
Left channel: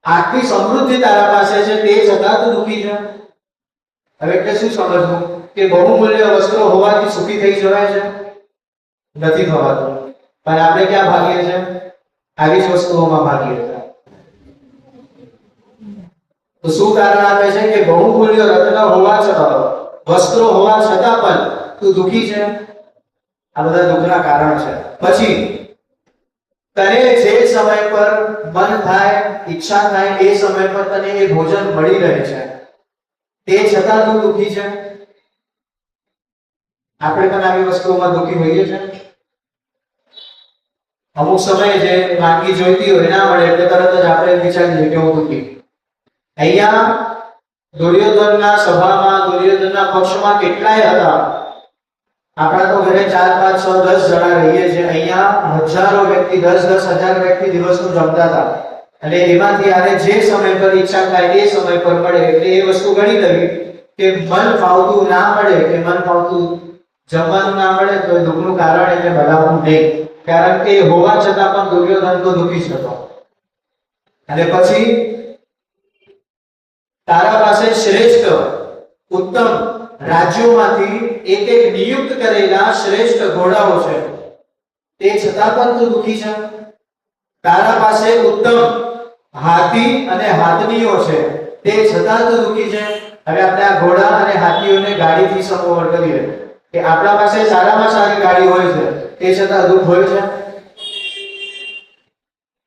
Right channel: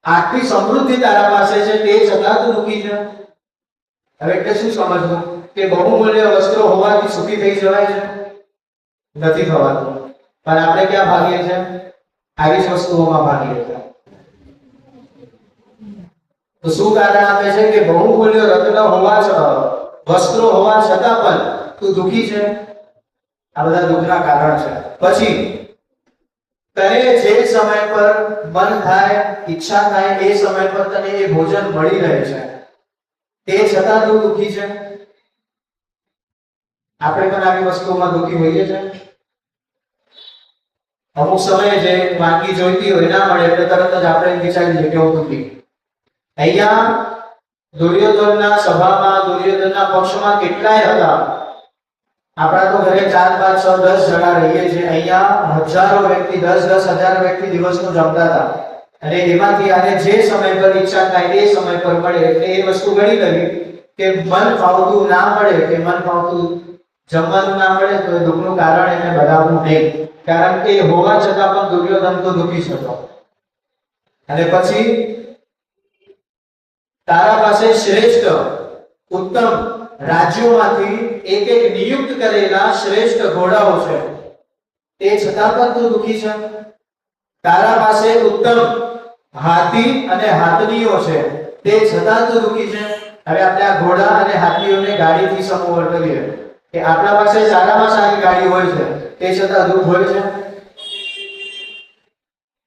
આટલી સમૃદ્ધિ તારા પાસે છે, તે છતાં તું દુઃખી છે. હવે એટલે શું સમજવું? કે બહુમૂલ્ય વસ્ત્રો હોવાથી સુખી થઈ જવાય છે? નથી થવાતું, પણ આપણે ક્યાં ભાગીએ છીએ? આવી જ વસ્તુઓમાં ભાગીએ છીએ. તો શું કારણ આપે છે કે બહુમૂલ્ય રત્ન હોવા છતાં, વસ્ત્રો હોવા છતાં પણ તું દુખી છે? આ બધા દુઃખના કારણ છે. પછી તને જે સમય પર મન થાય, ઈચ્છા થાય, એ સમય પર તને એ ભોજન મળી રહે છે, તે છતાં તું દુખી છે? આપણે પણ આવી વસ્તુઓમાં દુખી હોઈએ છીએ. અમુક સમયે જે વાનગી જોઈતી હોય ના મળે એટલે તરત જ આપણે વિચારીએ કે હું દુખી. અહીંયા દુર્યોધનના સભામાં, દુર્યોધનના પક્ષમાં કેટલાય હતા. આપણા તો ઘરે 4, 5, 6, 10 જણા રહીએ છીએ. અહીંયા હજારો વ્યક્તિ, 10,000 વ્યક્તિ દિવસનું જમતા હતા. અને એમાંથી આને જે સમય પર ઈચ્છા થાય એ સમય પર મળે એટલે એ વસ્તુ ગણી લેવી કે મન ફાવતું ના મળે, કે મન ફાવતું જમવાનું ના મળે તો દુઃખનું કારણ એને બતાવવું નહીં. કારણ કે હોવા છતાં પણ દુર્યોધન તો દુઃખી જ હતો. અને પછી તારા પાસે શ્રેષ્ઠ, ઉત્તમ રાજ્યોમાંથી એક નિયુક્ત કરેલા શ્રેષ્ઠ ઘોડાઓ છે, તે છતાં પણ તું દુઃખી છે. તારા પાસે ઉત્તમ હાથી અને હાથનીઓ છે, તે છતાં તું દુઃખી છે. હવે આપણે આ ઘોડા અને હાથીઓને ગાડીથી સમોવર કરીએ કે આપણા પાસે સારામાં સારી ગાડી હોય છે, તે છતાં દુઃખ હોય છે.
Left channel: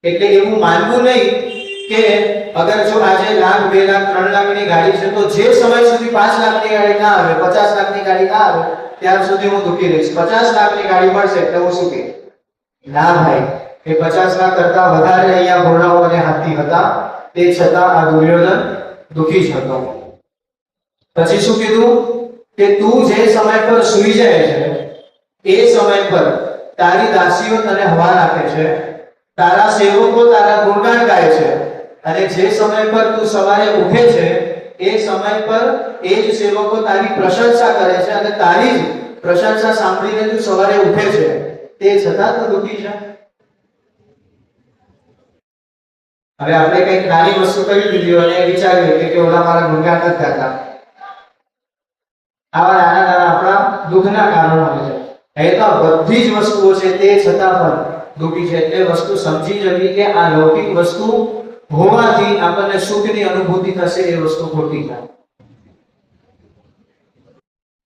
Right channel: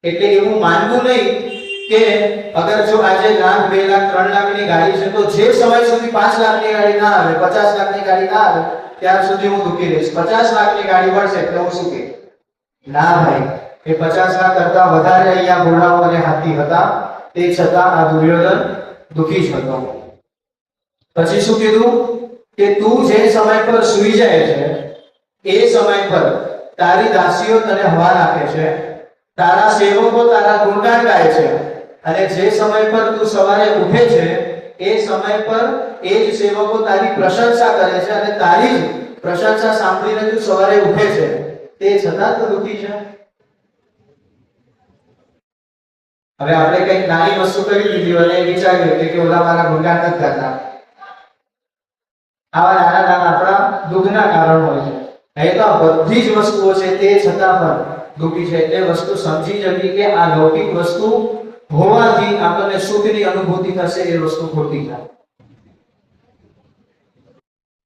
એટલે એવું માનવું નહીં કે અગર જો આજે 1 લાખ, 2 લાખ, 3 લાખની ગાડી છે તો જે સમય સુધી 5 લાખની ગાડી ના આવે, 50 લાખની ગાડી ના આવે ત્યાર સુધી હું દુઃખી રહીશ. 50 લાખની ગાડી મળશે એટલે હું સુખી? ના ભાઈ, એ 50 લાખ કરતા વધારે અહીંયા ઘોડાઓ અને હાથી હતા, તે છતાં આ દુર્યોધન દુઃખી જ હતો. પછી શું કીધું કે તું જે સમય પર સૂઈ જાય છે એ સમય પર તારી દાસીઓ તને હવાન આપે છે, તારા સેવકો તારા ગુણગાન ગાય છે, અને જે સમય પર તું સવારે ઉઠે છે એ સમય પર એ જ સેવકો તારી પ્રશંસા કરે છે, અને તારી જ પ્રશંસા સાંભળીને તું સવારે ઉઠે છે, તે છતાં તું દુઃખી છે. હવે આપણે કઈ નાની વસ્તુ કરી લીધી અને વિચારીએ કે ઓલા મારા ગુણગાન નથી કરતા. આવા નાના નાના આપણા દુઃખના કારણ હોય છે. એ તો બધી જ વસ્તુઓ છે તે છતાં પણ દુઃખી છે. એટલે વસ્તુ સમજી જવી કે આ લૌકિક વસ્તુ હોવાથી આપણને સુખની અનુભૂતિ થશે, એ વસ્તુ ખોટી છે.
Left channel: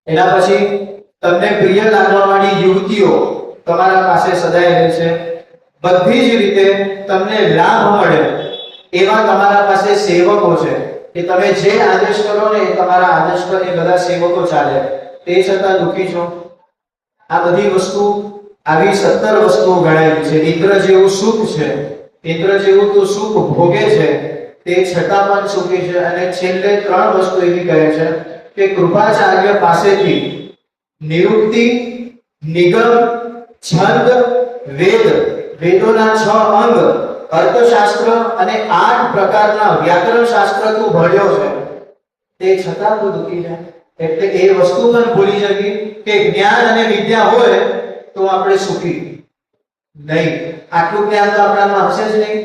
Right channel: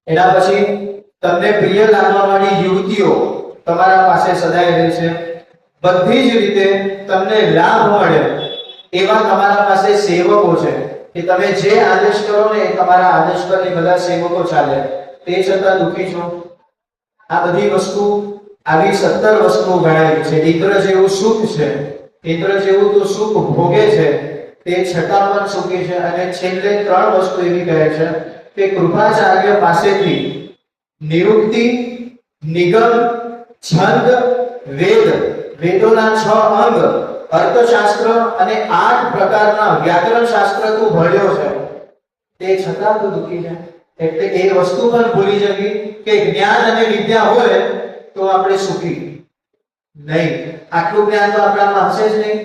એના પછી તમને પ્રિય લાગવાવાળી યુવતીઓ તમારા પાસે સદાય રહે છે. બધી જ રીતે તમને લાભ મળે એવા તમારા પાસે સેવકો છે કે તમે જે આદેશ કરો ને એ તમારા આદેશ પર એ બધા સેવકો ચાલે, તે છતાં દુઃખી છો. આ બધી વસ્તુ, આવી 17 વસ્તુઓ ગણાયેલી છે. ઇન્દ્ર જેવું સુખ છે, ઇન્દ્ર જેવું તો સુખ ભોગે છે, તે છતાં પણ સુખી છે. અને છેલ્લે 3 વસ્તુ એવી કહે છે કે કૃપાચાર્ય પાસેથી નિરુક્તિ, નિગમ, છંદ, વેદ, વેદોના 6 અંગ, અર્થશાસ્ત્ર અને 8 પ્રકારના વ્યાકરણ શાસ્ત્ર તું ભણ્યો છે, તે છતાં તું દુઃખી છે. એટલે એ વસ્તુ પણ ભૂલી જવી કે જ્ઞાન અને વિદ્યા હોય તો આપણે સુખી નહીં. આટલું જ્ઞાન તો આપણામાં હશે જ નહીં.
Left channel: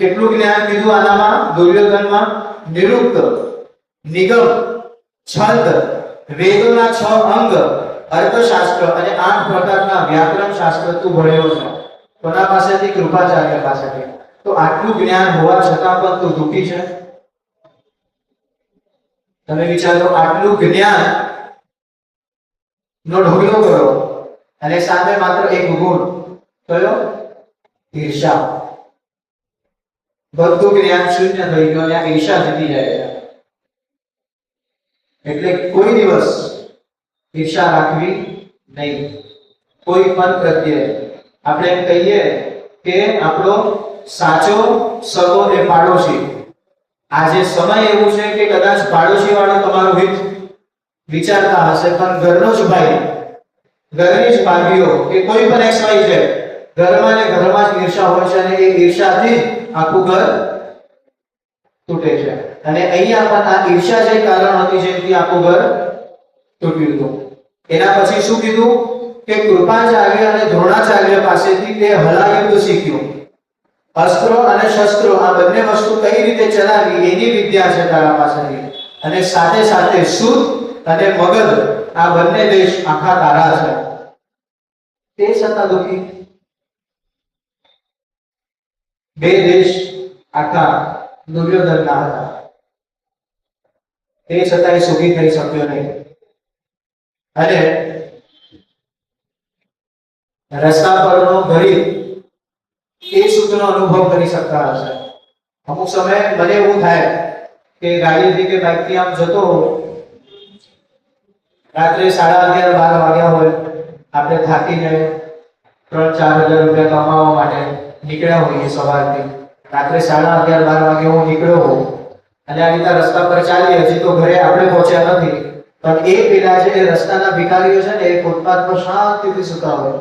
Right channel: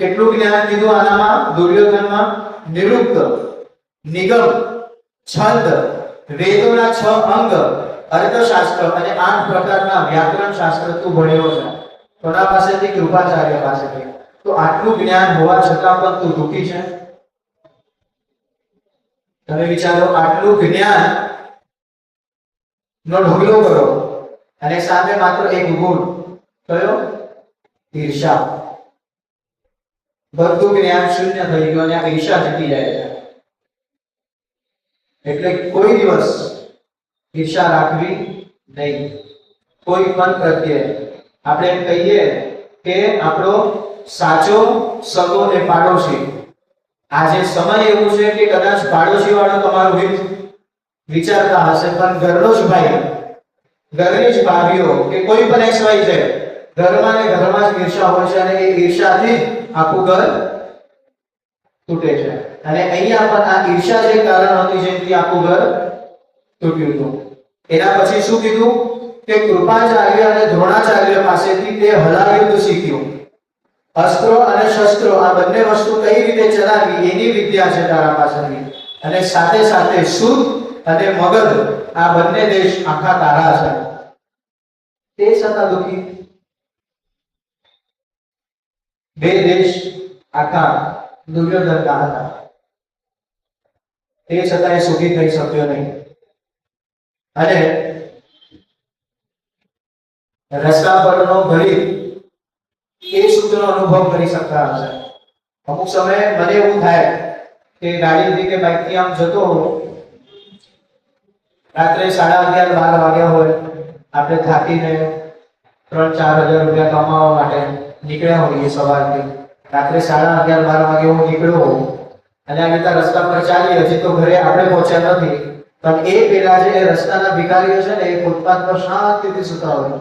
કેટલું જ્ઞાન કીધું આનામાં? દુર્યોધનમાં નિરુક્ત, નિગમ, છંદ, વેદોના 6 અંગ, અર્થશાસ્ત્ર અને 8 પ્રકારના વ્યાકરણ શાસ્ત્ર તું ભણ્યો છે. કોના પાસેથી? કૃપાચાર્ય પાસેથી. તો આટલું જ્ઞાન હોવા છતાં પણ તું દુઃખી છે. તમે વિચારો, આટલું જ્ઞાન નો ઢગલો કરો અને સામે માત્ર એક ગુણ, કયો? ઈર્ષા. બધું જ્ઞાન શૂન્ય થઈ ગયું અને ઈર્ષા જીતી જાય છે. એટલે કોઈ દિવસ ઈર્ષા રાખવી નહીં કોઈ પણ પ્રત્યે. આપણે એમ કહીએ કે આપણો સાચો સગો એ પાડોશી. આજે સમય એવું છે કે કદાચ પાડોશી વાળો તમારો હિત વિચારતા હશે, પણ ઘરનો જ ભાઈ, ઘરની જ ભાભીઓ કે કોઈ પણ XY છે, ઘરમાં ને ઘરમાં જ ઈર્ષા હોય છે, અને એ ઈર્ષાથી આખું ઘર તૂટે છે. અને અહીંયા પણ આ ઈર્ષા જે કારણ હતી જેથી આખું ઘર તૂટ્યું હતું. એના પછી શું કીધું કે કૃપાચાર્ય અને દ્રોણાચાર્ય પાસેથી તે હલાયુદ્ધ શીખ્યું. અસ્ત્રો અને શસ્ત્રો આ બંને વસ્તુ કઈ રીતે ચલાવવી એની વિદ્યા છે તારા પાસેથી. અને સાથે સાથે સુધ અને મગધ આ બંને દેશ આખા તારા છે. તે છતાં દુઃખી. બે દેશ આખા દુર્યોધનના હતા, તે છતાંય સુખી થઈ શક્યો નહીં. અને રસ્તા પરનો ગરીબ એ સુખનો અનુભવ કરી શકતા હશે. અમુક સમયે મને એવું થાય કે ગાડીથી કે બાઇકથી આમ જતો હોઉં, રાત્રે 11:30 12 વાગ્યા હોય, આપણે થાકીને 3-4 હજાર રૂપિયા કમાવા માટે નીકળ્યા હોઈએ સવારથી, રાત્રે 11:30 12 વાગે હું નીકળ્યો હોઉં અને આ રીતે રસ્તા પર ચાલીએ, હજી તો ઘરે આપણે પહોંચ્યા નથી, પણ એ પેલા જે રસ્તાના ભિખારીઓ છે ને એ ફૂટપાથ પર શાંતિથી સૂતા હોય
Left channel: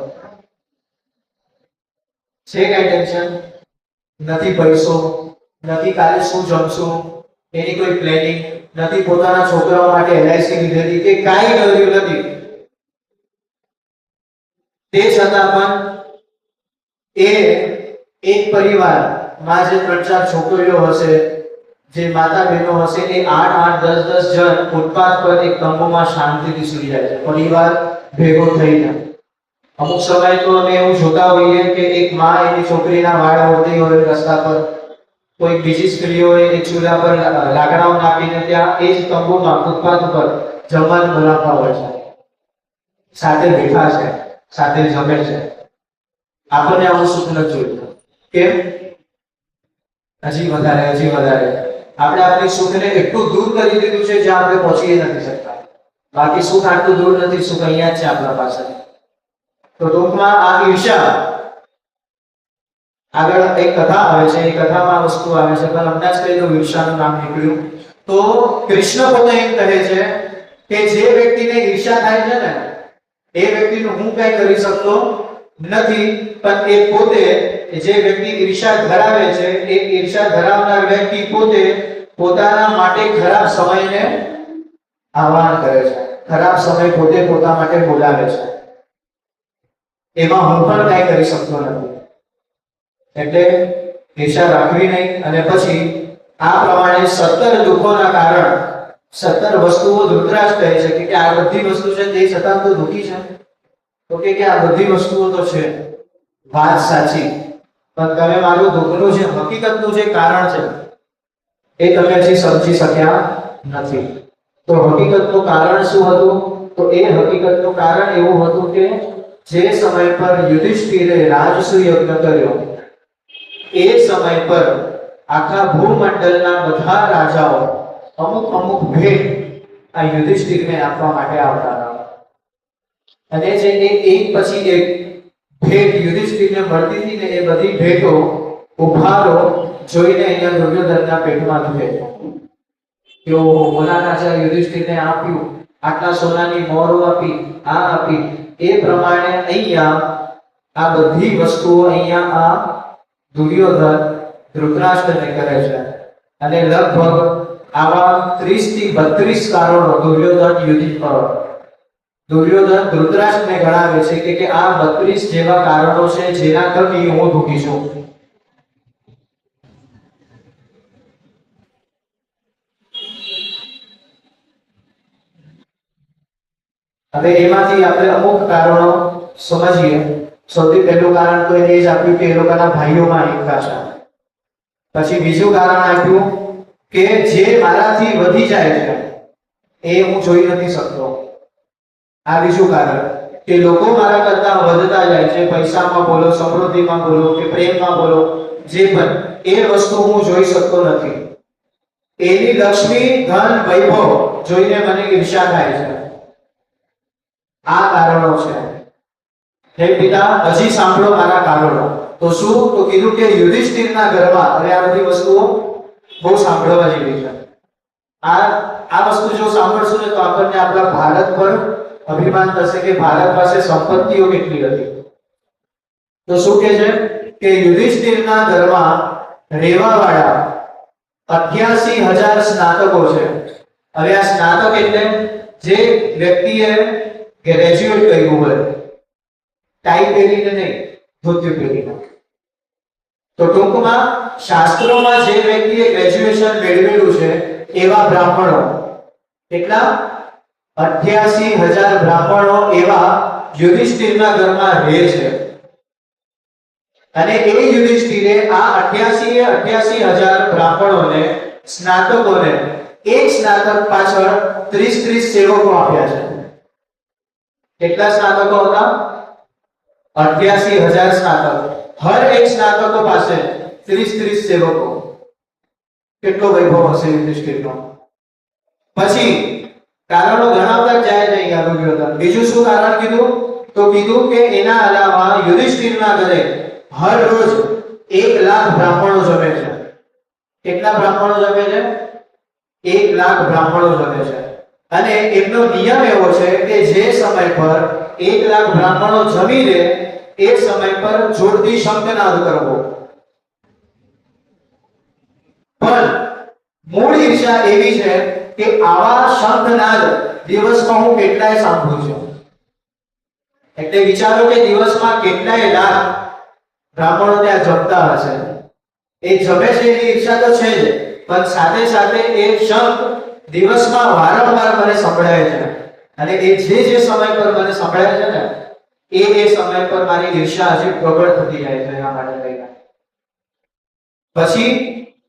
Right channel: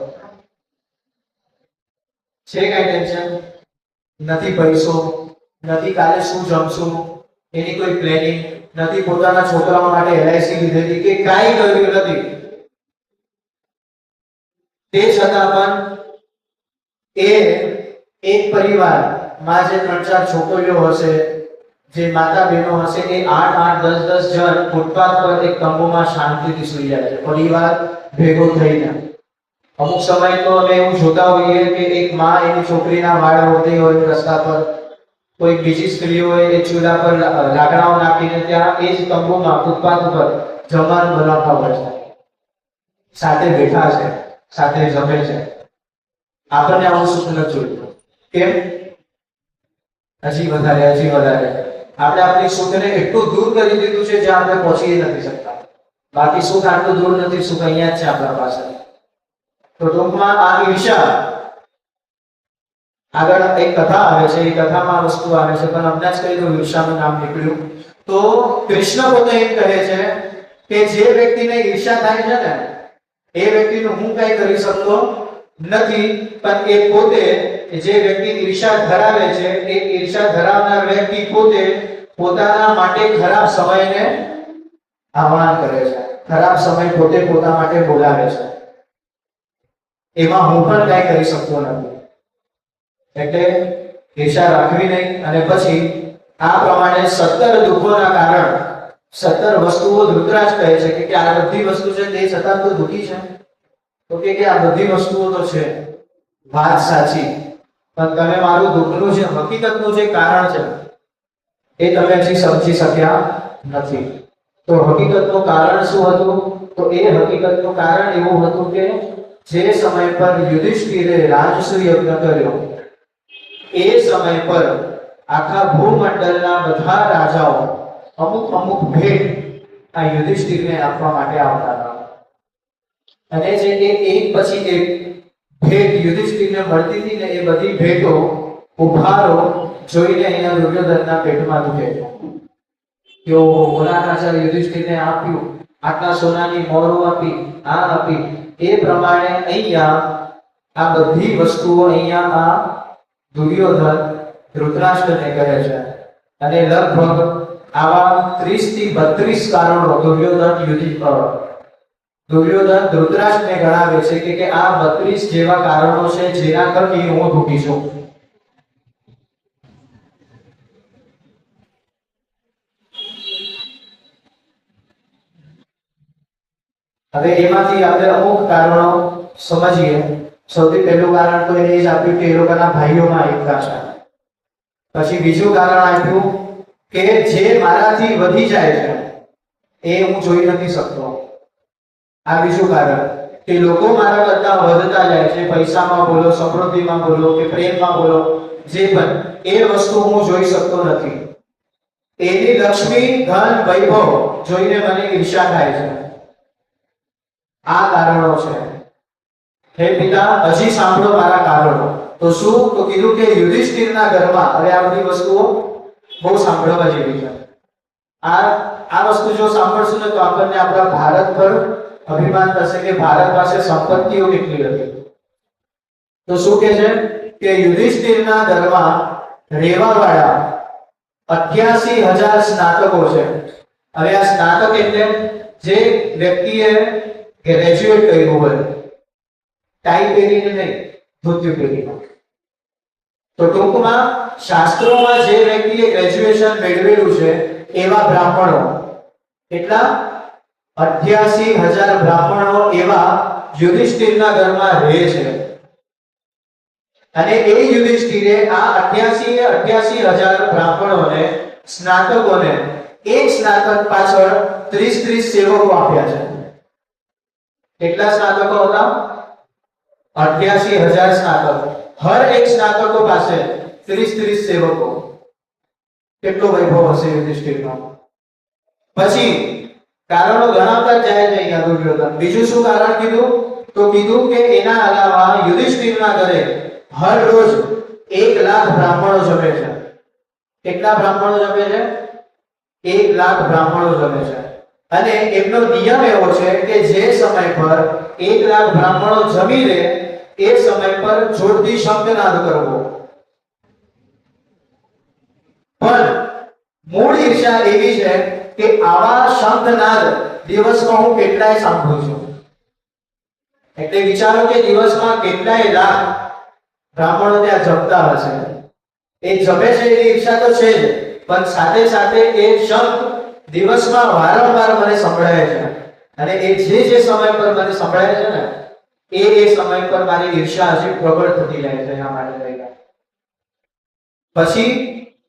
છે. કઈ ટેન્શન નથી, પૈસો નથી, કાલે શું જમશું એની કોઈ પ્લાનિંગ નથી, પોતાના છોકરાઓ માટે એલઆઈસી લીધેલી કે કાંઈ કર્યું નથી. તે છતાં પણ એ એક પરિવારમાં જે 3-4 છોકરીઓ હશે, જે માતા બહેનો હશે, એ 8-8 10-10 જણ ફૂટપાથ પર એક તંબુમાં શાંતિથી સૂઈ જાય છે, પરિવાર ભેગો થઈને. અમુક સમય તો અમે એવું જોતા હોઈએ કે એક માં એની છોકરીના વાળ ઓળતી હોય રસ્તા પર, કોઈ બીજી સ્ત્રીઓએ એક ચૂલા પર લાકડાઓ નાખીને ત્યાં એ જ તંબુમાં ફૂટપાથ ઉપર જમવાનું બનાવતા હોય છે, સાથે બેઠા છે, સાથે જમે છે. આપણને આવું સુખ નથી જોઈતું. કેમ? હજી વધારે આપણે આપણી સુખને એટલું દૂર કરી દીધું છે જ્યાં આપણે પહોંચી નથી શકતા. બાકી સુખ આટલું દૂર નથી, સુખ અહીંયા જ છે આપણા પાસે. તો ટૂંકમાં આ ઈર્ષા, આગળ એક કથા આવે છે, એ કથામાં વસ્તુ આવે છે, પણ હમણાં જ કહી દઉં, ઈર્ષાનું નામ નીકળ્યું તો કૃષ્ણ પોતે એમ કહે છે કે જે વ્યક્તિને ઈર્ષા થાય છે ને એ વ્યક્તિનું હું કઈ કરી શકતો નથી, પણ એ પોતે, જે વ્યક્તિ ઈર્ષા ધરાવે છે, એ ઈર્ષા ધરાવનાર વ્યક્તિ પોતે પોતાના માટે ખરાબ સમયને આહ્વાન કરે છે, ખરાબ સમય પોતે પોતા માટે બોલાવે છે. એમાં હું પણ કઈ કરી શકતો નથી. એટલે ઈર્ષા રાખવી નહીં. અને પછી આ પ્રમાણે 17 દુઃખોના કારણ, 17 વસ્તુઓ ધૃતરાજ કહે છે કે આ બધી વસ્તુ છે તે છતાં તો દુઃખી છે. તો કે આ બધી વસ્તુઓ તો છે, વાત સાચી, પણ તમે મારું દુઃખનું જે હકીકતનું જે કારણ છે એ તમે હજી સમજી શક્યા નથી. તો હકીકતનું કારણ શું હતું? તો એ હકીકતનું કારણ એવું હતું કે જે સમય પર યુધિષ્ઠિરે રાજસૂય યજ્ઞ કર્યો, એ સમય પર આખા ભૂમંડળના બધા રાજાઓ અમુક ભેટ આ યુધિષ્ઠિરને આપવા માટે આવતા હતા. અને જે એક પછી એક ભેટ યુધિષ્ઠિરને મળતી હતી ને, એ બધી ભેટો ઉપહારો જોઈને અહીંયા દુર્યોધનના પેટમાં દુખે છે. કે ઓલા રાજા યુધિષ્ઠિરને આપ્યું, આટલા સોનાની મોહરો આપી, આ આપી, એ પ્રમાણે અહીંયા આ બધી વસ્તુઓ અહીંયા આ દુર્યોધન ધૃતરાષ્ટ્રને કરે છે. અને લગભગ આવા 30 થી 32 કારણો દુર્યોધન ધૃતરાષ્ટ્રને ગણાવે છે કે આ 32 જેવા કારણો છે જેના થકી હું દુઃખી છું. હવે એમાંથી આપણે અમુક કારણો સમજીએ. સૌથી પહેલું કારણ તો એને જ આપ્યું કે એ લોકોના ભાઈઓમાં એકતા છે. પછી બીજું કારણ આપ્યું કે જે મારાથી વધી જાય છે એ હું જોઈ નથી શકતો. આ બીજું કારણ કે લોકો મારા કરતા વધતા જાય છે, પૈસામાં બોલો, સમૃદ્ધિમાં બોલો કે પ્રેમમાં બોલો, જે પણ એ વસ્તુ હું જોઈ શકતો નથી. એની લક્ષ્મી, ધન, વૈભવ જોઈને મને ઈર્ષા થાય છે. આ કારણો છે. હે પિતા, હજી સાંભળો મારા કારણો. તો શું? તો કીધું કે યુધિષ્ઠિરના ઘરમાં, હવે આ બધી વસ્તુઓ બહુ સાંભળવા જેવી છે. આ વસ્તુ જો સાંભળશું ને તો આપણને આપણા ભારત પર અભિમાન થશે કે ભારત પાસે સંપત્તિઓ કેટલી હતી. તો શું કહે છે કે યુધિષ્ઠિરના ઘરમાં રહેવાવાળા 88,000 સ્નાતકો છે. હવે આ સ્નાતક એટલે જે વ્યક્તિએ ગ્રેજ્યુએટ કર્યું હોય, ટાઈ પહેરીને નહીં, ધોતિયું પહેરીને. તો ટૂંકમાં શાસ્ત્રોમાં જે વ્યક્તિએ ગ્રેજ્યુએશન મેળવેલું છે એવા બ્રાહ્મણો, કેટલા? 88,000 બ્રાહ્મણો એવા યુધિષ્ઠિરના ઘરમાં રહે છે અને એ યુધિષ્ઠિરે આ 88,000 બ્રાહ્મણોને સ્નાતકોને એક સ્નાતક પાછળ 30 સેવકો આપ્યા છે. કેટલા સ્નાતકો હતા? 88,000 સ્નાતકો. હર એક સ્નાતકો પાસે 30 સેવકો. કેટલો વૈભવ હશે યુધિષ્ઠિરનો. પછી કારણો ગણાવતા જાય છે અહીંયા દુર્યોધન. બીજું શું કારણ કીધું? તો કીધું કે એના અલાવા યુધિષ્ઠિરના ઘરે હર રોજ 1 લાખ બ્રાહ્મણો જમે છે. કેટલા બ્રાહ્મણો જમે છે? 1 લાખ બ્રાહ્મણો જમે છે. અને એમનો નિયમ એવો છે કે જે સમય પર 1 લાખ બ્રાહ્મણો જમી લે એ સમય પર જોરથી શંખનાદ કરવો. પણ મૂળ ઈર્ષા એવી છે કે આવા શંખનાદ દિવસમાં હું કેટલાય સાંભળું છું. એટલે વિચારો કે દિવસમાં કેટલાય લાખ બ્રાહ્મણો ત્યાં જમતા હશે. એ જમે છે એની ઈચ્છા તો છે જ, પણ સાથે સાથે એ શંખ દિવસમાં વારંવાર મને સંભળાય છે અને એ જે સમય પર મને સંભળાય છે ને એ સમય પર મારી ઈર્ષા હજી પ્રબળ થતી જાય છે. પછી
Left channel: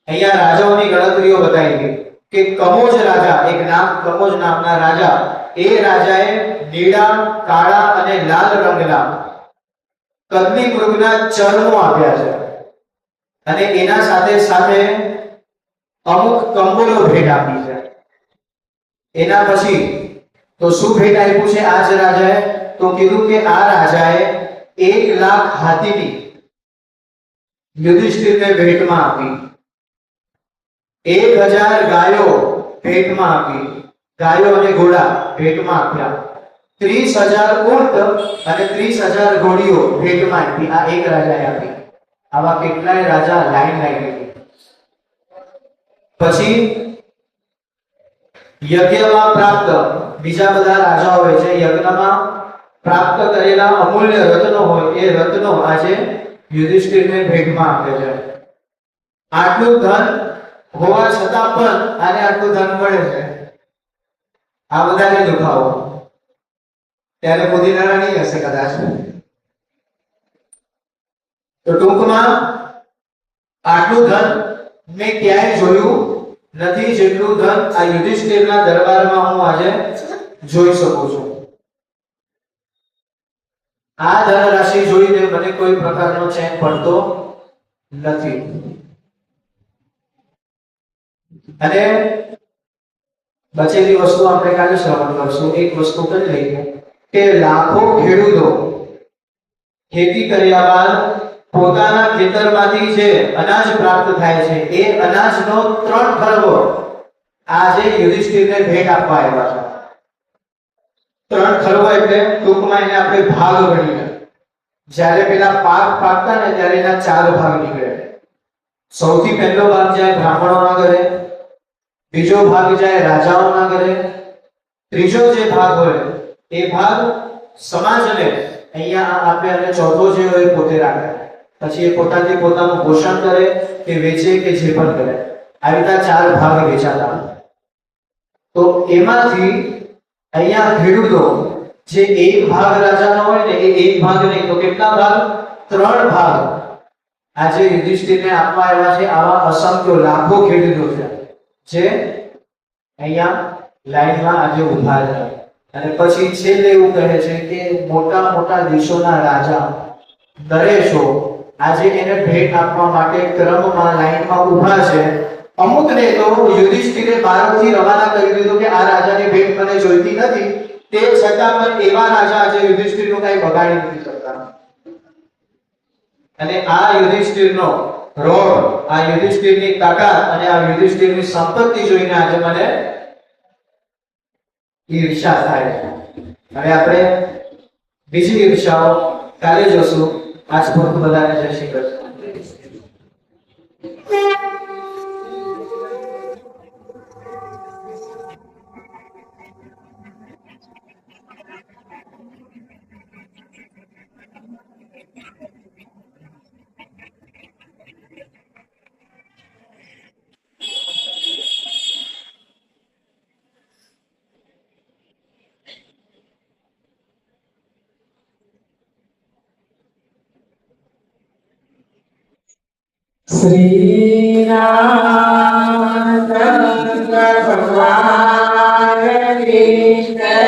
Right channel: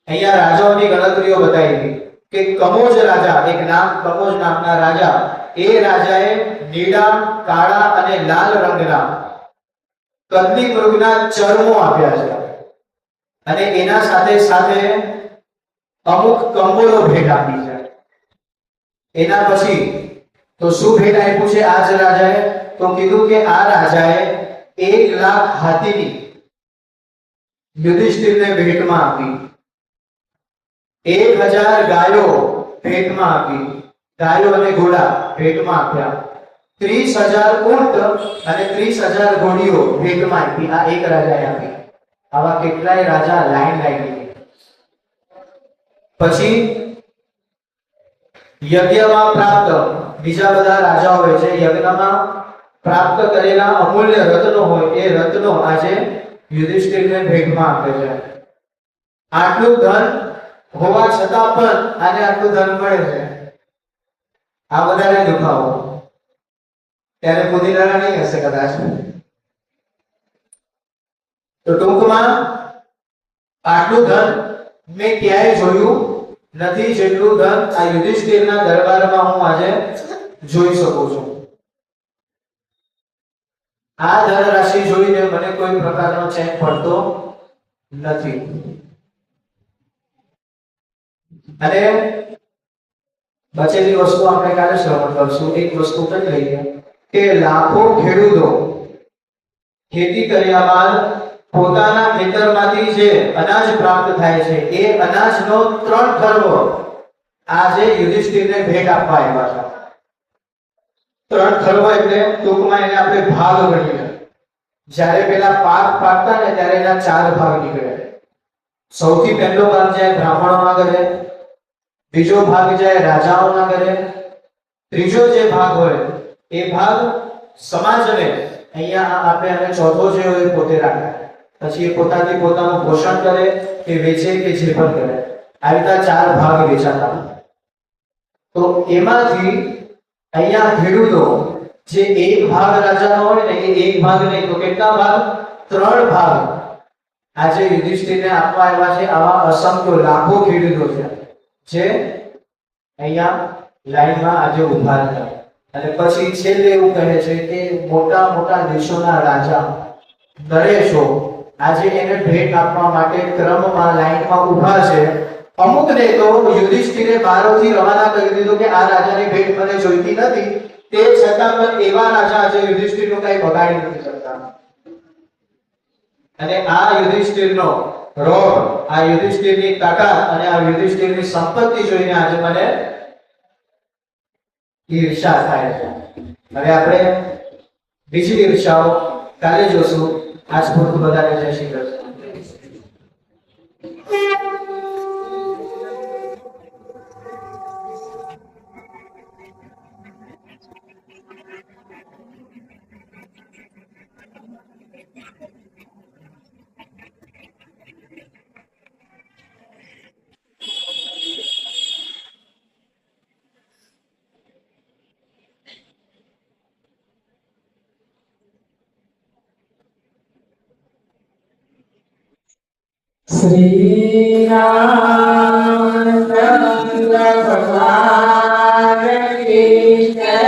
અહીંયા રાજાઓની ગણતરીઓ બતાવી કે કમોજ રાજા, એક નામ કમોજ નામના રાજા, એ રાજાએ નીળા, કાળા અને લાલ રંગના કદની મૃગના ચર્મો આપ્યા છે અને એના સાથે સાથે અમુક કંબળો ભેટ આપી છે. એના પછી તો શું ભેટ આપ્યું છે આ જ રાજાએ? તો કીધું કે આ રાજાએ 1 લાખ હાથીની યુધિષ્ઠિરને ભેટમાં આપી, 1000 ગાયો ભેટમાં આપી, ગાયો અને ઘોડા ભેટમાં આપ્યા, 30,000 ઊંટ અને 30,000 ઘોડીઓ ભેટમાં આપી. આ એક રાજાએ આપી. આવા કેટલાય રાજા લાઈન લાગી. પછી યજ્ઞમાં પ્રાપ્ત બીજા બધા રાજાઓ હોય છે, યજ્ઞમાં પ્રાપ્ત કરેલા અમૂલ્ય રત્નો હોય એ રત્નો આજે યુધિષ્ઠિરને ભેટમાં આપે છે. આટલું ધન હોવા છતાં પણ આને આટલું ધન મળે છે. આ બધાને દુખાવો ત્યારે પુદીના નહીં હશે કદાચ. તો ટૂંકમાં આટલું ધન મેં ક્યાંય જોયું નથી જેટલું ધન આ યુધિષ્ઠિરના દરબારમાં હું આજે જોઈ શકું છું. આ ધન રાશિ જોઈને મને કોઈ પ્રકારનો ચેન પડતો નથી. અને બચેલી વસ્તુ આપણે કાલે શ્રવણ કરશું. એક વસ્તુ કરી લઈએ કે લાખો ખેડૂતો ખેતી કર્યા બાદ પોતાના ખેતરમાંથી જે અનાજ પ્રાપ્ત થાય છે એ અનાજનો 3 ખર્વો આજે યુધિષ્ઠિરને ભેટ આપવા આવ્યા છે. 3 ખર્વો એટલે ટૂંકમાં એને આપણે ભાગ ગણીએ. જ્યારે પેલા પાક પાકતા ને ત્યારે એના 4 ભાગ નીકળે. સૌથી પહેલો ભાગ જાય બ્રાહ્મણોના ઘરે, બીજો ભાગ જાય રાજાઓના ઘરે, ત્રીજો જે ભાગ હોય એ ભાગ સમાજને અહીંયા આપે અને ચોથો જે હોય પોતે રાખે. પછી એ પોતાનું પોષણ કરે કે વેચે કે જે પણ કરે. આવી રીતના 4 ભાગ વેચાતા. તો એમાંથી અહીંયા ખેડૂતો જે એક ભાગ રાજાનો હોય ને એ એક ભાગ નહીં તો કેટલા ભાગ? 3 ભાગ આજે યુધિષ્ઠિરને આપવા આવ્યા છે. આવા અસંખ્ય લાખો ખેડૂતો છે જે અહીંયા લાઈનમાં આજે ઊભા છે. અને પછી છેલ્લે એવું કહે છે કે મોટા મોટા દેશોના રાજા નરેશો આજે એને ભેટ આપવા માટે ક્રમમાં લાઈનમાં ઊભા છે. અમુકને તો યુધિષ્ઠિરે બારોથી રવાના કરી દીધું કે આ રાજાની ભેટ મને જોઈતી નથી. તે છતાં પણ એવા રાજા આજે યુધિષ્ઠિરનું કઈ બગાડી નથી શકતા. અને આ યુધિષ્ઠિરનો રોગ, આ યુધિષ્ઠિરની તાકાત અને આ યુધિષ્ઠિરની સંપત્તિ જોઈને આજે મને ઈર્ષા થાય છે. હવે આપણે બીજી ઈર્ષાઓ કાલે જોશું. આજ પૂરતું બધાને જય શ્રી કૃષ્ણ. શ્રી રામચંદ્ર ભગવાન કૃષ્ણ